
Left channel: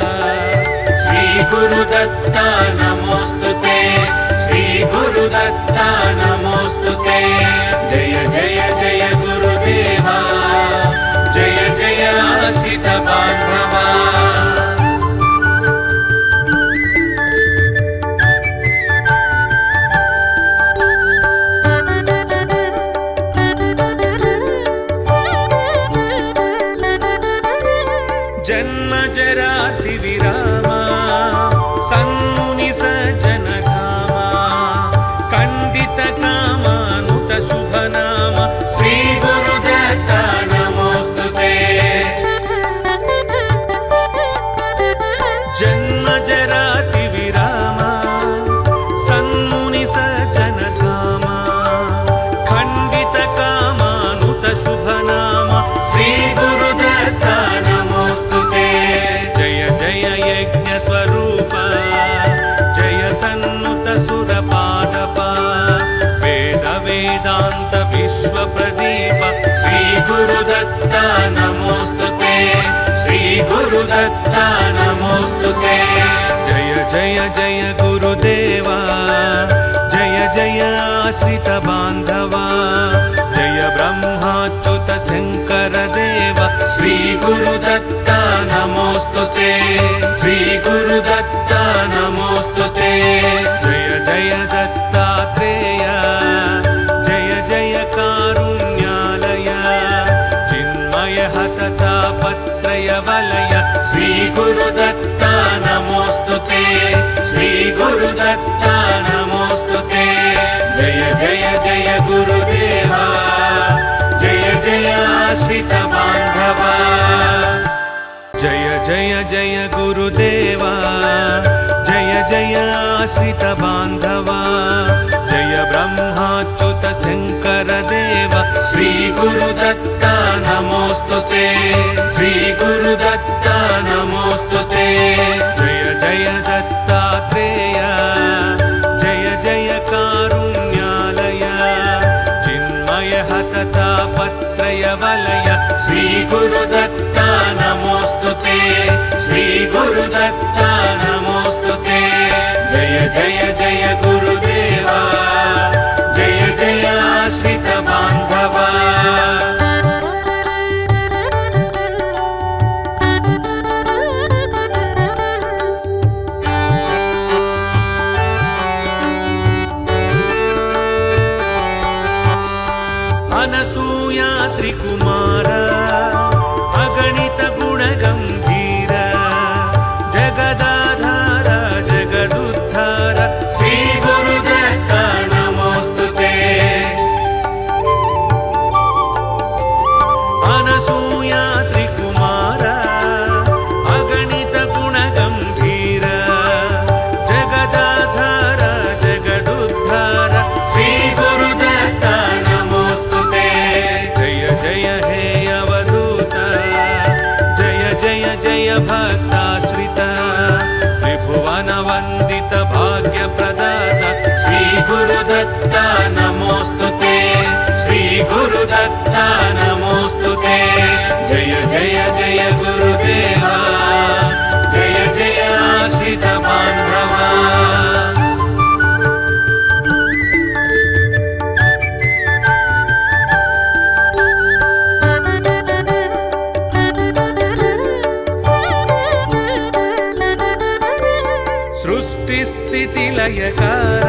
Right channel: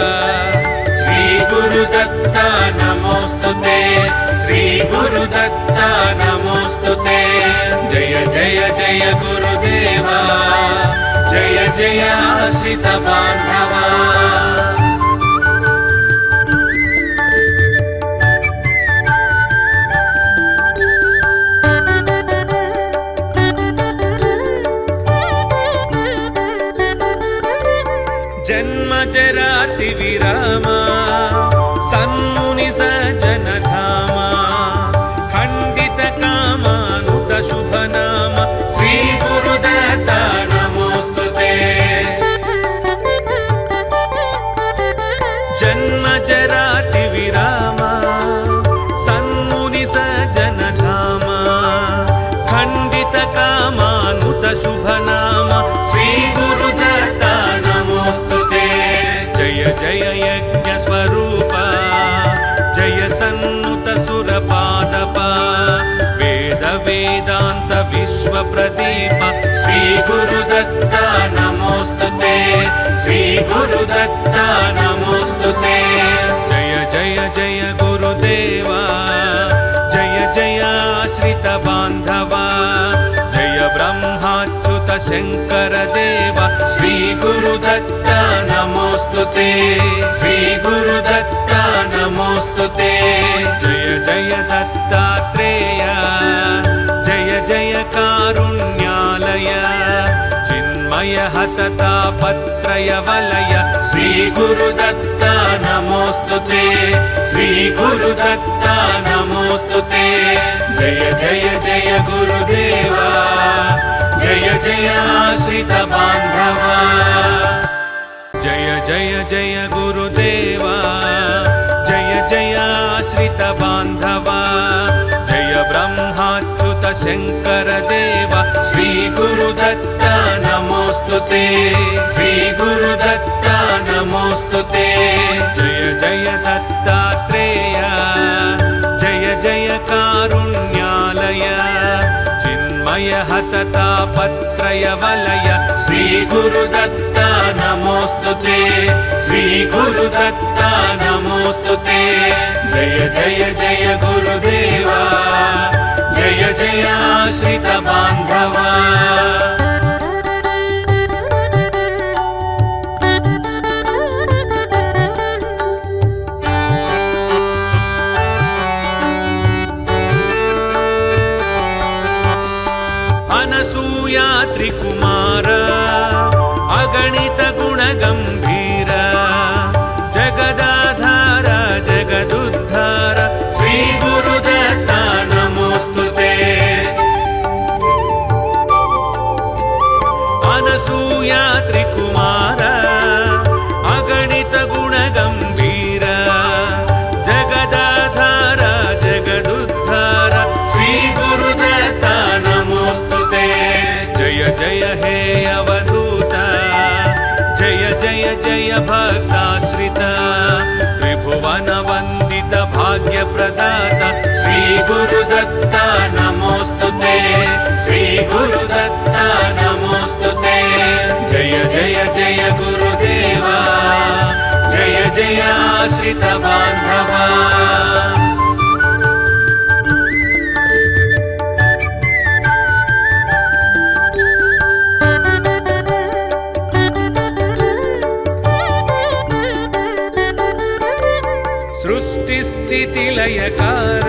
श्री गुरुदत्त नमोस्तुते श्री गुरुदत्त नमोस्तुते जय जय जय गुरुदेवा जय जय आश्रित बांधवा जन्म जराति विरामा सन्मुनि सज्जन धामा खंडित कामानुत शुभ नाम श्री गुरुदत्त नमोस्तुते जन्म जराति विरामा सन्मुनि सज्जन धामा खंडित कामानुत शुभ नाम श्री गुरुदत्त नमोस्तुते जय जय यज्ञ स्वरूप जय सन्नुत सुर पादप वेद वेदांत विश्व प्रदीप श्री गुरुदत्त नमोस्तुते श्री गुरुदत्त नमोस्तुते जय जय जय गुरुदेवा जय जय आश्रित बांधवा जय ब्रह्माच्युत शंकर देव श्री गुरुदत्त नमोस्तुते श्री गुरुदत्त नमोस्तुते जय जय दत्तात्रेय जय जय कारुण्यालय चिन्मय हततापत्रय वलय श्री गुरुदत्त नमोस्तुते श्री गुरुदत्त नमोस्तुते जय जय जय गुरुदेवा जय जय आश्रित बांधवा जय जय जय गुरुदेवा जय जय आश्रित बांधवा जय ब्रह्माच्युत शंकर देव श्री गुरुदत्त नमोस्तुते श्री गुरुदत्त नमोस्तुते जय जय दत्तात्रेय जय जय कारुण्यालय चिन्मय हततापत्रय वलय श्री गुरुदत्त नमोस्तुते श्री गुरुदत्त नमोस्तुते जय जय जय गुरुदेवा जय जय आश्रित बांधवा अनसूया त्रिकुमार अगणित गुण गंभीर जगदाधार जगदुद्धार श्री गुरुदत्त गुरुदत्ता नमोस्तुते श्री गुरुदत्ता नमोस्तुते जय जय जय गुरुदेवा जय जय आश्रित बान्धवा लयकार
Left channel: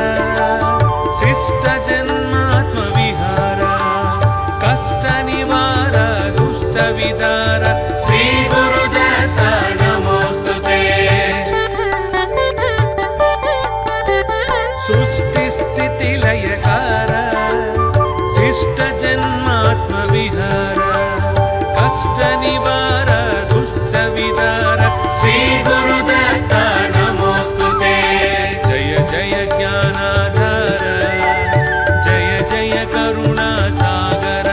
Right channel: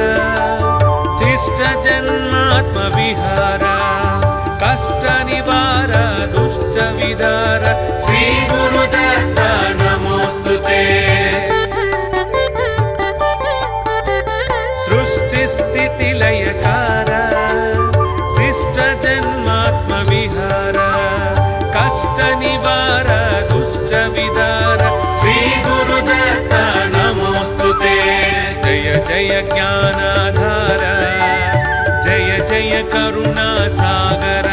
शिष्ट जन्मात्म विहार कष्ट निवार दुष्ट विदार श्री गुरुदत्ता नमोस्तुते सृष्टि स्थिति लयकार शिष्ट जन्मात्म विहार कष्ट निवार दुष्ट विदार श्री गुरुदत्ता जय ज्ञानाधार जय जय करुणा सागर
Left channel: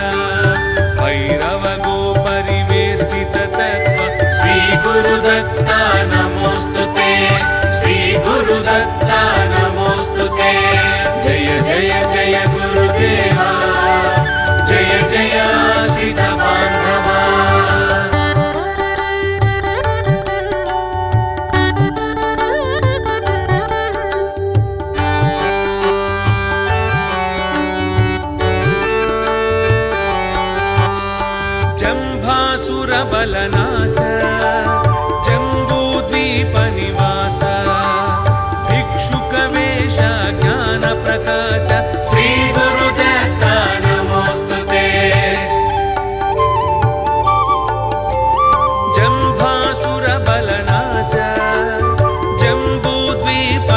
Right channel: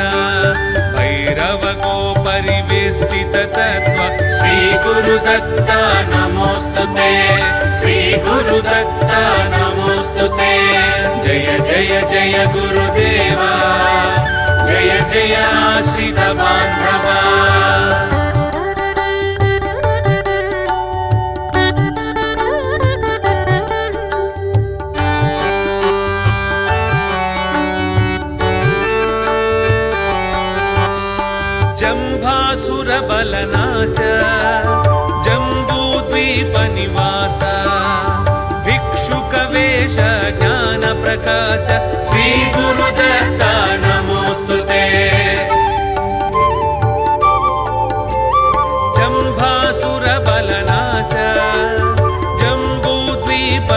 भैरव गो परिवेष्टित तत्व श्री गुरुदत्ता नमोस्तुते श्री गुरुदत्ता नमोस्तुते जय जय जय गुरुदेवा जय जय आश्रित बान्धवा जम्भासुरबलनाश जम्बूद्वीपनिवास भिक्षुकवेश ज्ञानप्रकाश श्री गुरुदत्ता नमोस्तुते जम्भासुरबलनाश जम्बूद्वीपनिवास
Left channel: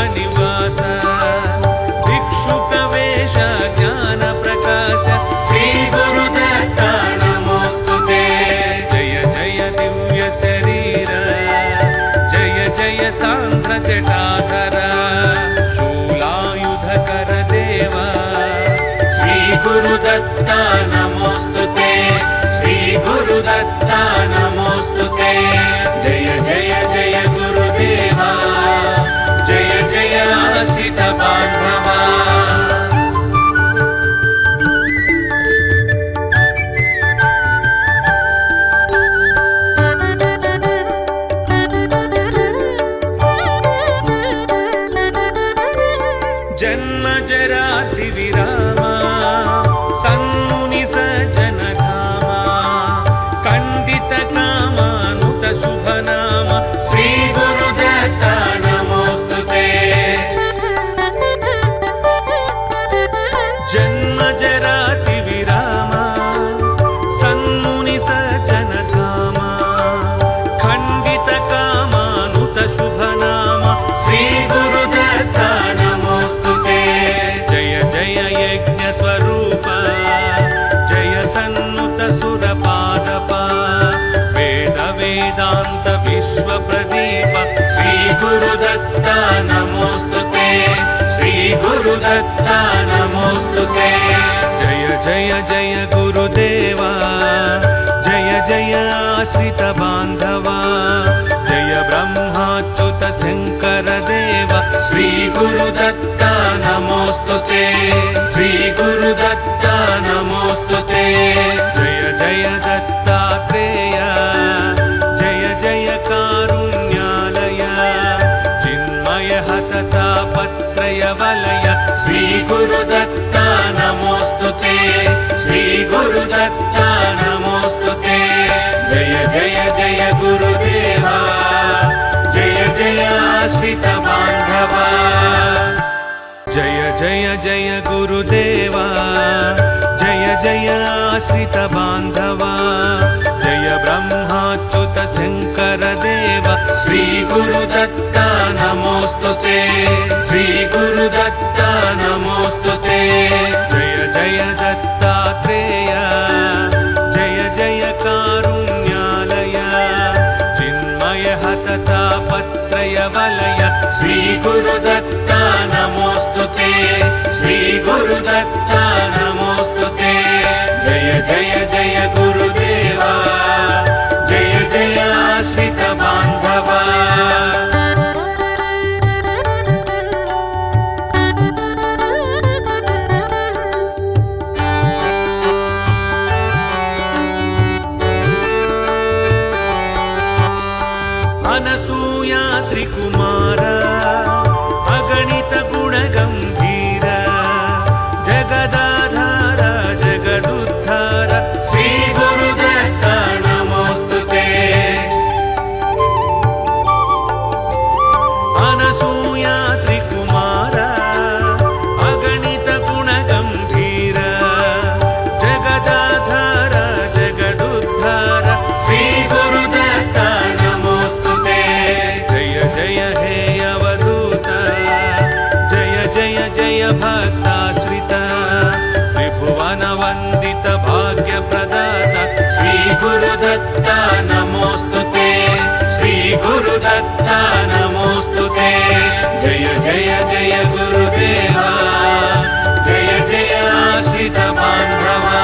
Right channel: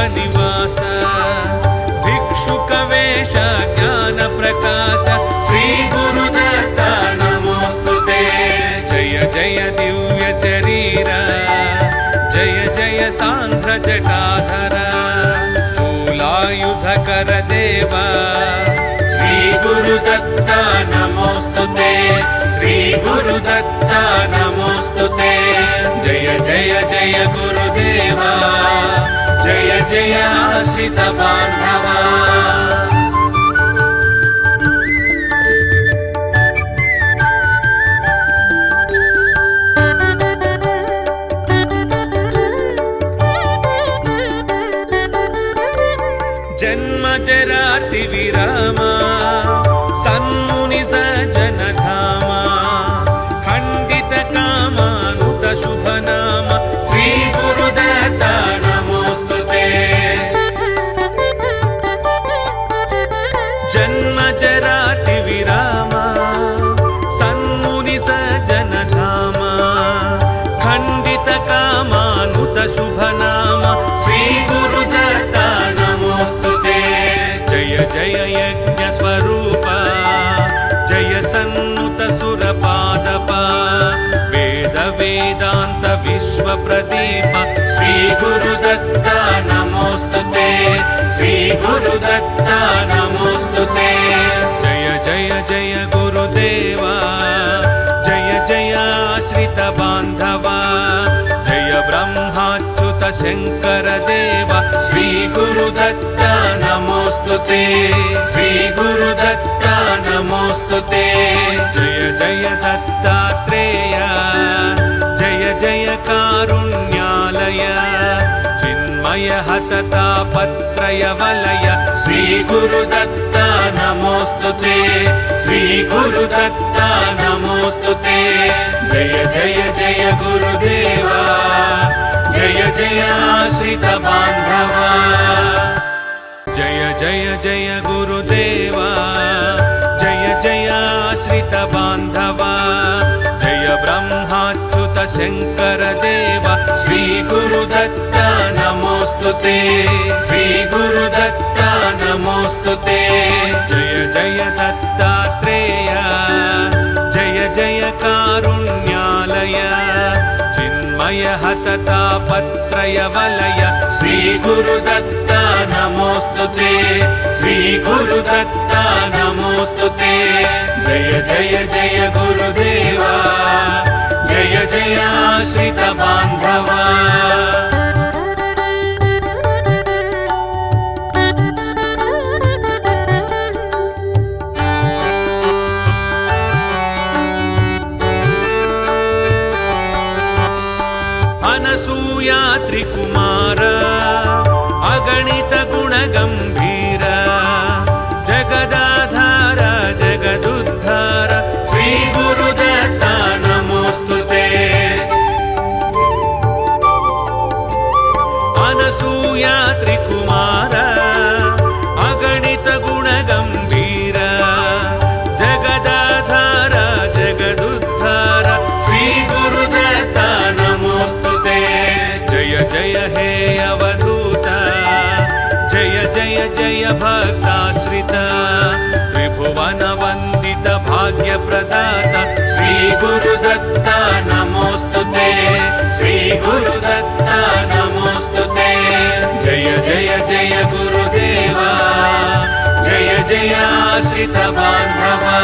भिक्षुकवेश ज्ञानप्रकाश श्री गुरुदत्ता जय दिव्य शरीर जय जय सांध्र जटाधर शूलायुधकर देवा श्री गुरुदत्ता नमोस्तुते श्री गुरुदत्ता नमोस्तुते जय जय जय गुरुदेवा जय जय आश्रित बान्धवा जन्म जराति विरामा सन्मुनि सज्जन धामा खण्डित कामानुत शुभ नाम श्री गुरुदत्ता नमोस्तुते जन्म जराति विरामा सन्मुनि सज्जन धामा खण्डित कामानुत शुभ नाम श्री गुरुदत्ता जय यज्ञ स्वरूप जय सन्नुत सुरपादप वेद वेदांत विश्व प्रदीप श्री गुरुदत्ता नमोस्तुते श्री गुरुदत्ता नमोस्तुते जय जय जय गुरुदेवा जय जय आश्रित बान्धवा जय ब्रह्माच्युत शंकर देव श्री गुरुदत्ता नमोस्तुते श्री गुरुदत्ता नमोस्तुते जय जय दत्तात्रेय जय जय कारुण्यालय चिन्मय हततापत्रय वलय श्री गुरुदत्ता नमोस्तुते श्री गुरुदत्ता नमोस्तुते जय जय जय गुरुदेवा जय जय आश्रित बान्धवा जय जय जय गुरुदेवा जय जय आश्रित बान्धवा जय ब्रह्माच्युत शंकर देव श्री गुरुदत्ता नमोस्तुते श्री गुरुदत्ता नमोस्तुते जय जय दत्तात्रेय जय जय कारुण्यालय चिन्मय हततापत्रय वलय श्री गुरुदत्ता नमोस्तुते श्री गुरुदत्ता नमोस्तुते जय जय जय गुरुदेवा जय जय आश्रित बान्धवा भक्ताश्रित त्रिभुवन वन्दित भाग्यप्रदाता श्री गुरुदत्ता नमोस्तुते श्री गुरुदत्ता नमोस्तुते जय जय जय गुरुदेवा जय जय आश्रित बान्धवा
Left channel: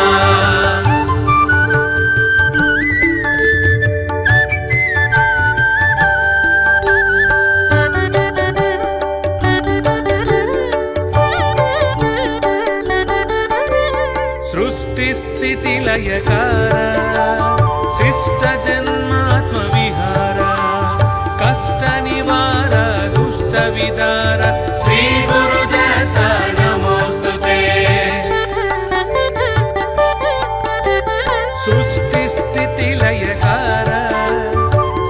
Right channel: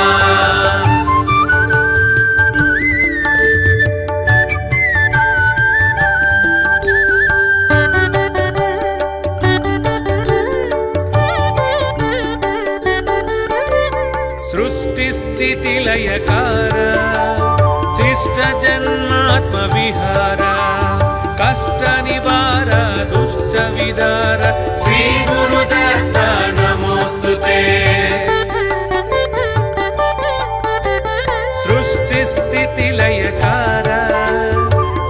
लयकार शिष्ट जन्मात्म विहार कष्ट निवार दुष्ट विदार श्री गुरुदत्ता नमोस्तुते सृष्टि स्थिति लयकार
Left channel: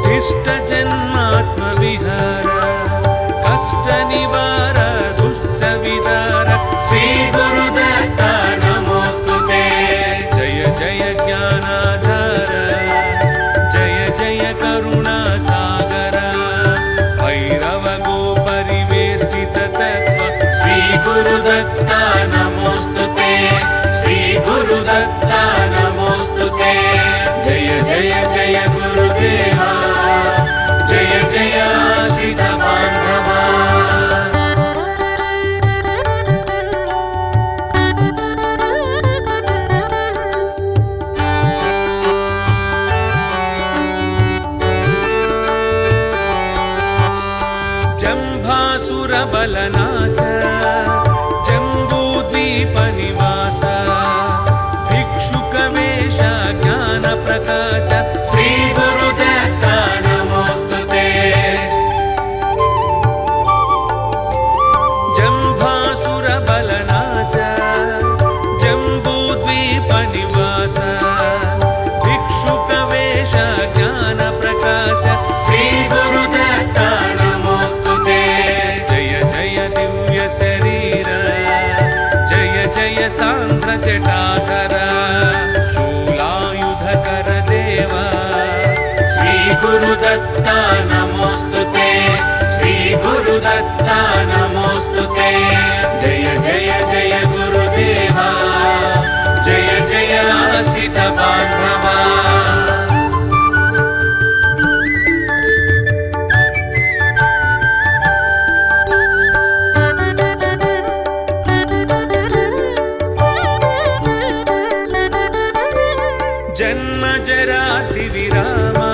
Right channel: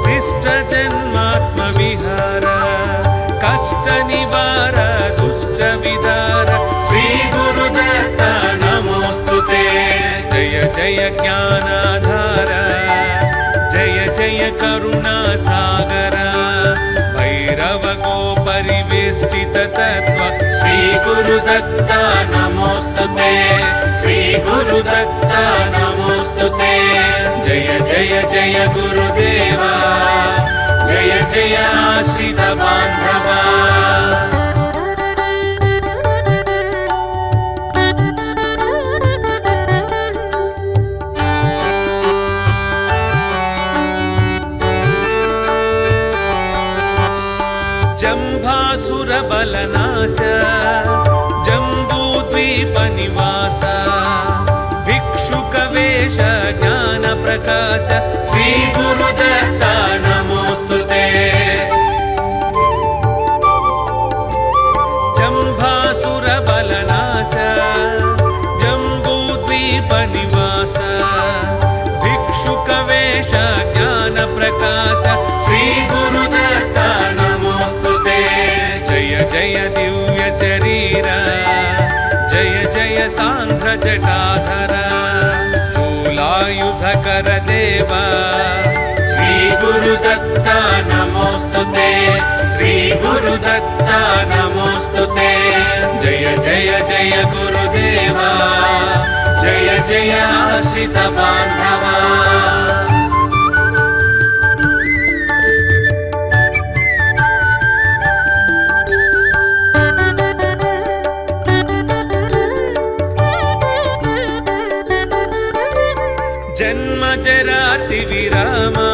शिष्ट जन्मात्म विहार कष्ट निवार दुष्ट विदार श्री गुरुदत्ता जय ज्ञानाधार जय जय करुणा सागर भैरव को परिवेष्टित तत्व श्री गुरुदत्ता नमोस्तुते श्री गुरुदत्ता नमोस्तुते जय जय जय गुरुदेवा जय जय आश्रित बान्धवा जम्भासुरबलनाश जम्बूद्वीपनिवास भिक्षुकवेश ज्ञानप्रकाश श्री गुरुदत्ता नमोस्तुते जम्भासुरबलनाश जम्बूद्वीपनिवास भिक्षुकवेश ज्ञानप्रकाश श्री गुरुदत्ता जय दिव्य शरीर जय जय सांख्र जटाधर शूलायुधकर देव श्री गुरुदत्ता नमोस्तुते श्री गुरुदत्ता नमोस्तुते जय जय जय गुरुदेवा जय जय आश्रित बान्धवा जन्म जराति विरामा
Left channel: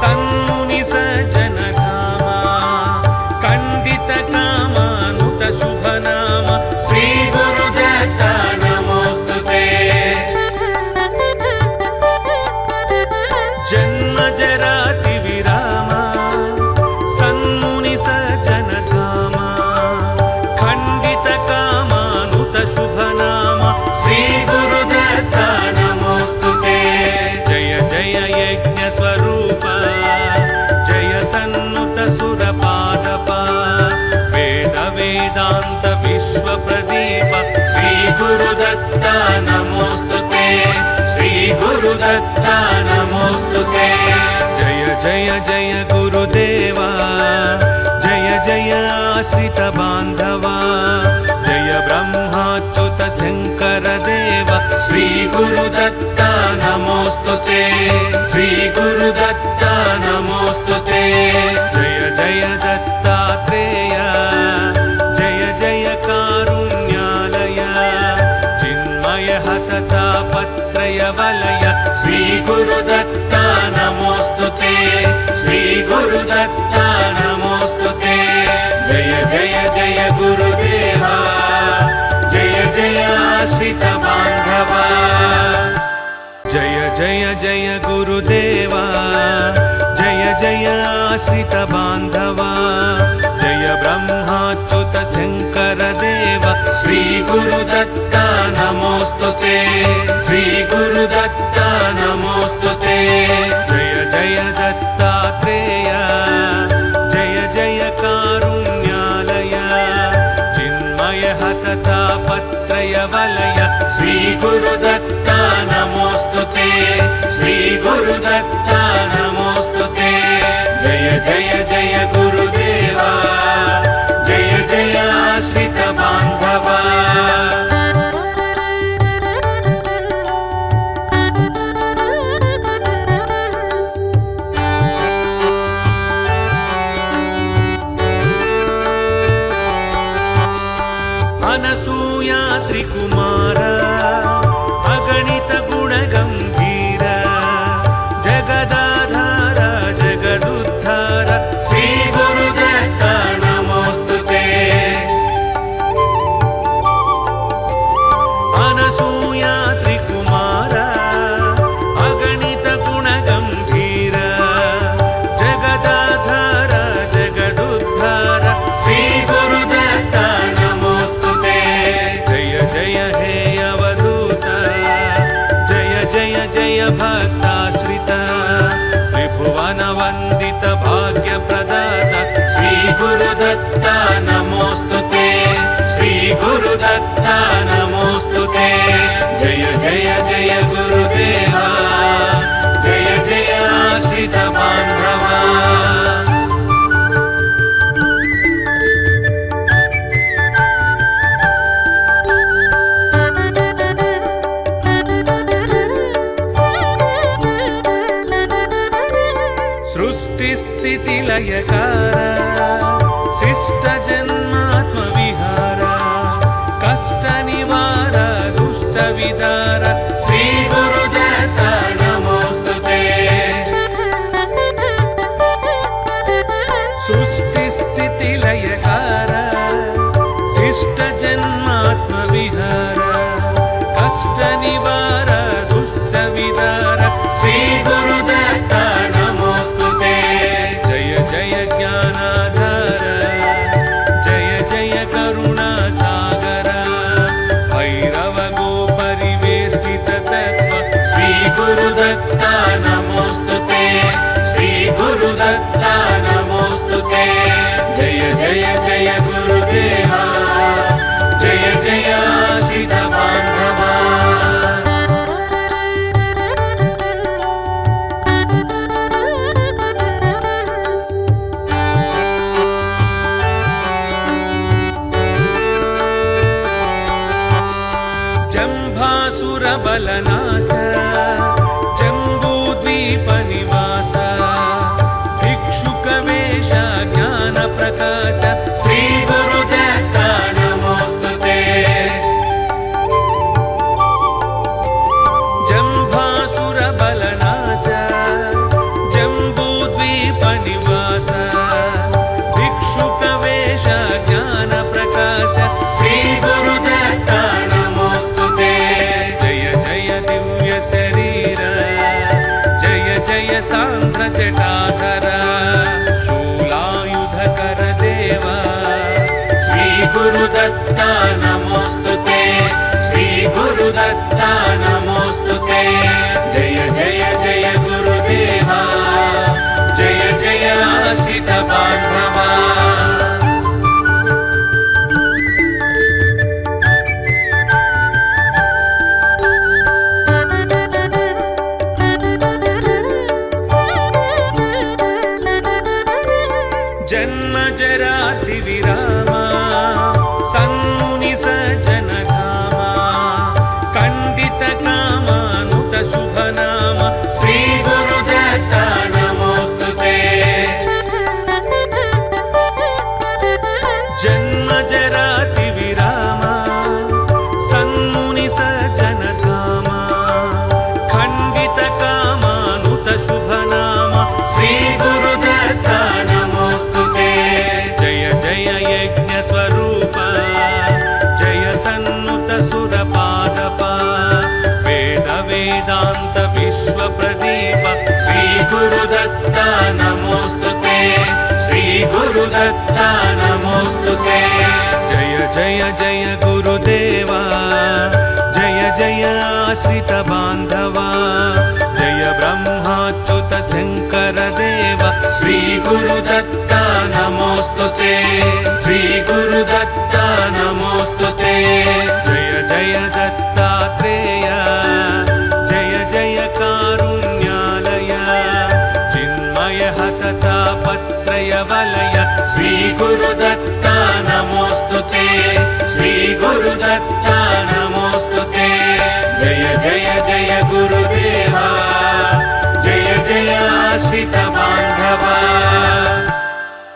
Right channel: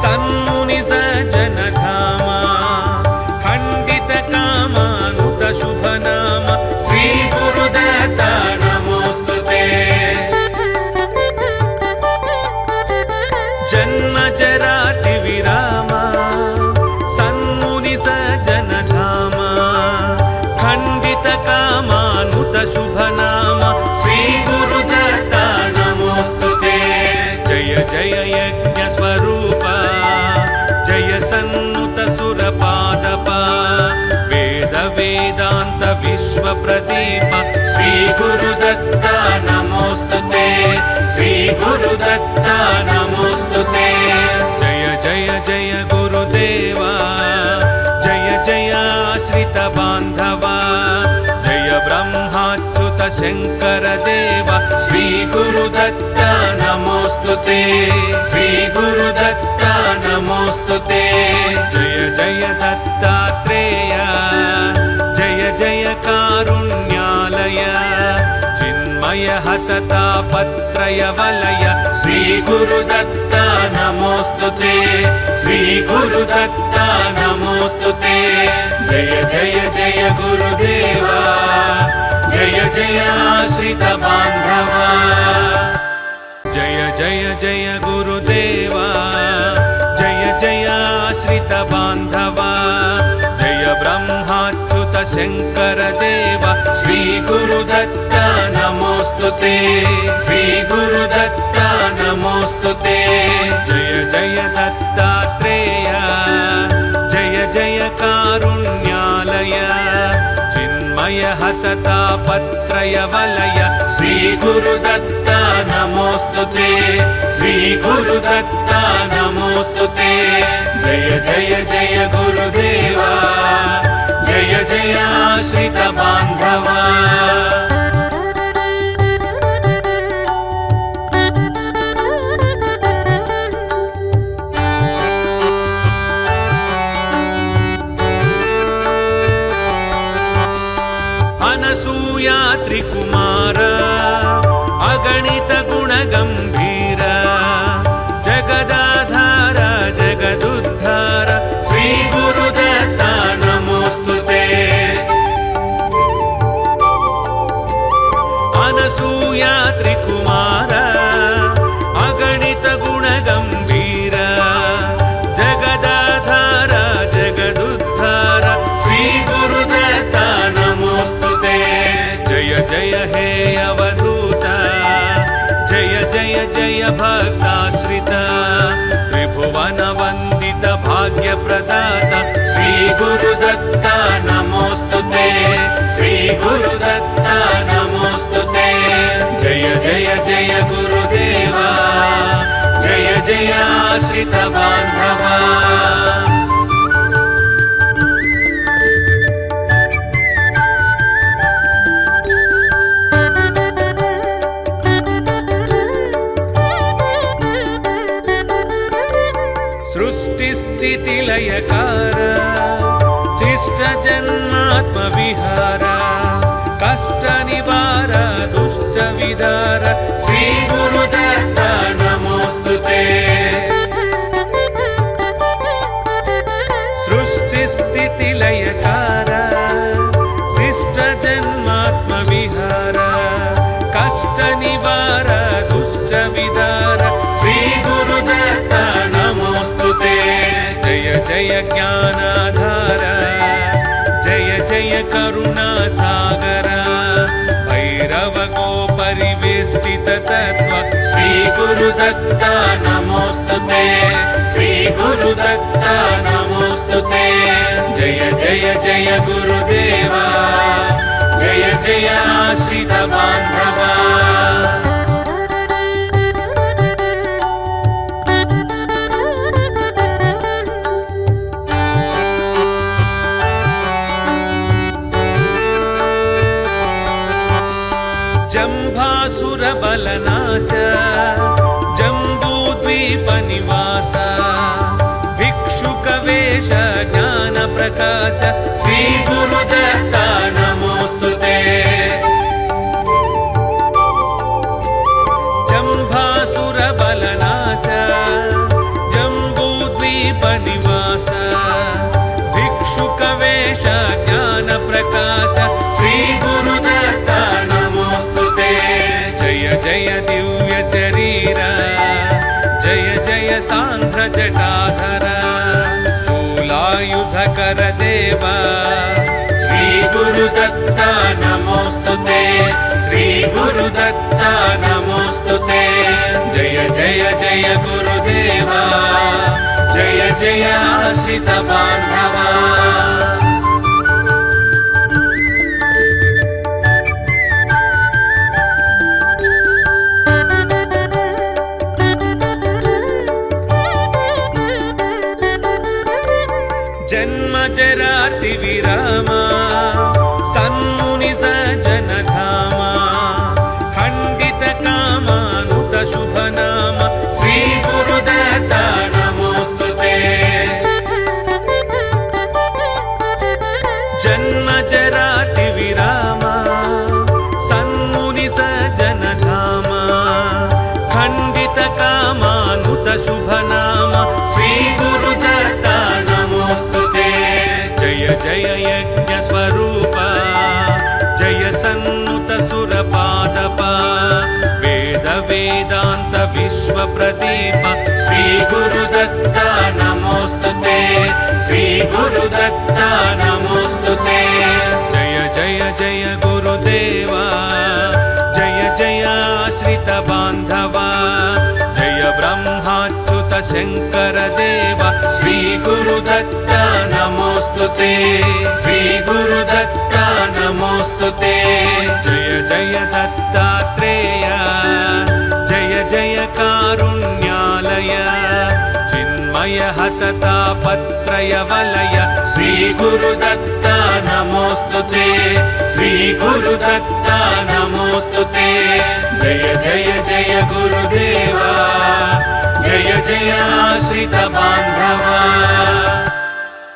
सन्मुनि सज्जन धामा खण्डित कामानुत शुभ नाम श्री गुरुदत्ता नमोस्तुते जन्म जराति विरामा सन्मुनि सज्जन धामा खण्डित कामानुत शुभ नाम श्री गुरुदत्ता जय यज्ञ स्वरूप जय सन्नुत सुरपादप वेद वेदांत विश्व प्रदीप श्री गुरुदत्ता नमोस्तुते श्री गुरुदत्ता नमोस्तुते जय जय जय गुरुदेवा जय जय आश्रित बान्धवा जय ब्रह्माच्युत शंकर देव श्री गुरुदत्ता नमोस्तुते श्री गुरुदत्ता नमोस्तुते जय जय दत्तात्रेय जय जय कारुण्यालय चिन्मय हततापत्रय वलय श्री गुरुदत्ता नमोस्तुते श्री गुरुदत्ता नमोस्तुते जय जय जय गुरुदेवा जय जय आश्रित बान्धवा जय जय जय गुरुदेवा जय जय आश्रित बान्धवा जय ब्रह्माच्युत शंकर देव श्री गुरुदत्ता नमोस्तुते श्री गुरुदत्ता नमोस्तुते जय जय दत्तात्रेय जय जय कारुण्यालय चिन्मय हततापत्रय वलय श्री गुरुदत्ता नमोस्तुते श्री गुरुदत्ता नमोस्तुते जय जय जय गुरुदेवा जय जय आश्रित बान्धवा అనసూయాత్రికుమార అగణిత గుణగంభీర జగదాధార జగదుద్ధార శ్రీ గురుదత్త నమోస్తుతే అనసూయాత్రికుమార అగణిత గుణగంభీర జగదాధార జగదుద్ధార శ్రీ గురుదత్త నమోస్తుతే జయ జయ హే అవధూత జయ జయ జయ భక్తాశ్రిత త్రిభువన వందిత భాగ్య ప్రదాత శ్రీ గురుదత్త నమోస్తుతే శ్రీ గురుదత్త నమోస్తుతే జయ జయ జయ గురుదేవా జయ జయ ఆశ్రిత బాంధవా सृष्टि स्थिति लयकार शिष्ट जन्मात्म विहार कष्ट निवार दुष्ट विदार श्री गुरुदत्त नमोस्तुते सृष्टि स्थिति लयकार शिष्ट जन्मात्म विहार कष्ट निवार दुष्ट विदार श्री गुरुदत्त नमोस्तुते जय जय ज्ञानाधार जय जय करुणा सागर भैरव गो परिवेष्टित तत्व श्री गुरुदत्त नमोस्तुते श्री गुरुदत्त नमोस्तुते जय जय जय गुरुदेवा जय जय आश्रित बांधवा जम्भासुरबलनाश जम्बूद्वीपनिवास भिक्षुकवेश ज्ञानप्रकाश श्री गुरुदत्त नमोस्तुते जम्भासुरबलनाश जम्बूद्वीपनिवास भिक्षुकवेश ज्ञानप्रकाश श्री गुरुदत्त नमोस्तुते जय जय दिव्य शरीर जय जय सांध्र जटाधर शूलायुधकर देव श्री गुरुदत्त नमोस्तुते श्री गुरुदत्त नमोस्तुते जय जय जय गुरुदेवा जय जय आश्रित बांधवा जन्म जराति विरामा सन्मुनि सज्जन धामा खण्डित कामानुत शुभ नाम श्री गुरुदत्त नमोस्तुते जन्म जराति विरामा सन्मुनि सज्जन धामा खण्डित कामानुत शुभ नाम श्री गुरुदत्त नमोस्तुते जय जय यज्ञ स्वरूप जय सन्नुत सुरपादप वेद वेदांत विश्व प्रदीप श्री गुरुदत्त नमोस्तुते श्री गुरुदत्त नमोस्तुते जय जय जय गुरुदेवा जय जय आश्रित बांधवा जय ब्रह्माच्युत शंकर देव श्री गुरुदत्त नमोस्तुते श्री गुरुदत्त नमोस्तुते जय जय दत्तात्रेय जय जय कारुण्यालय चिन्मय हततापत्रय वलय श्री गुरुदत्त नमोस्तुते श्री गुरुदत्त नमोस्तुते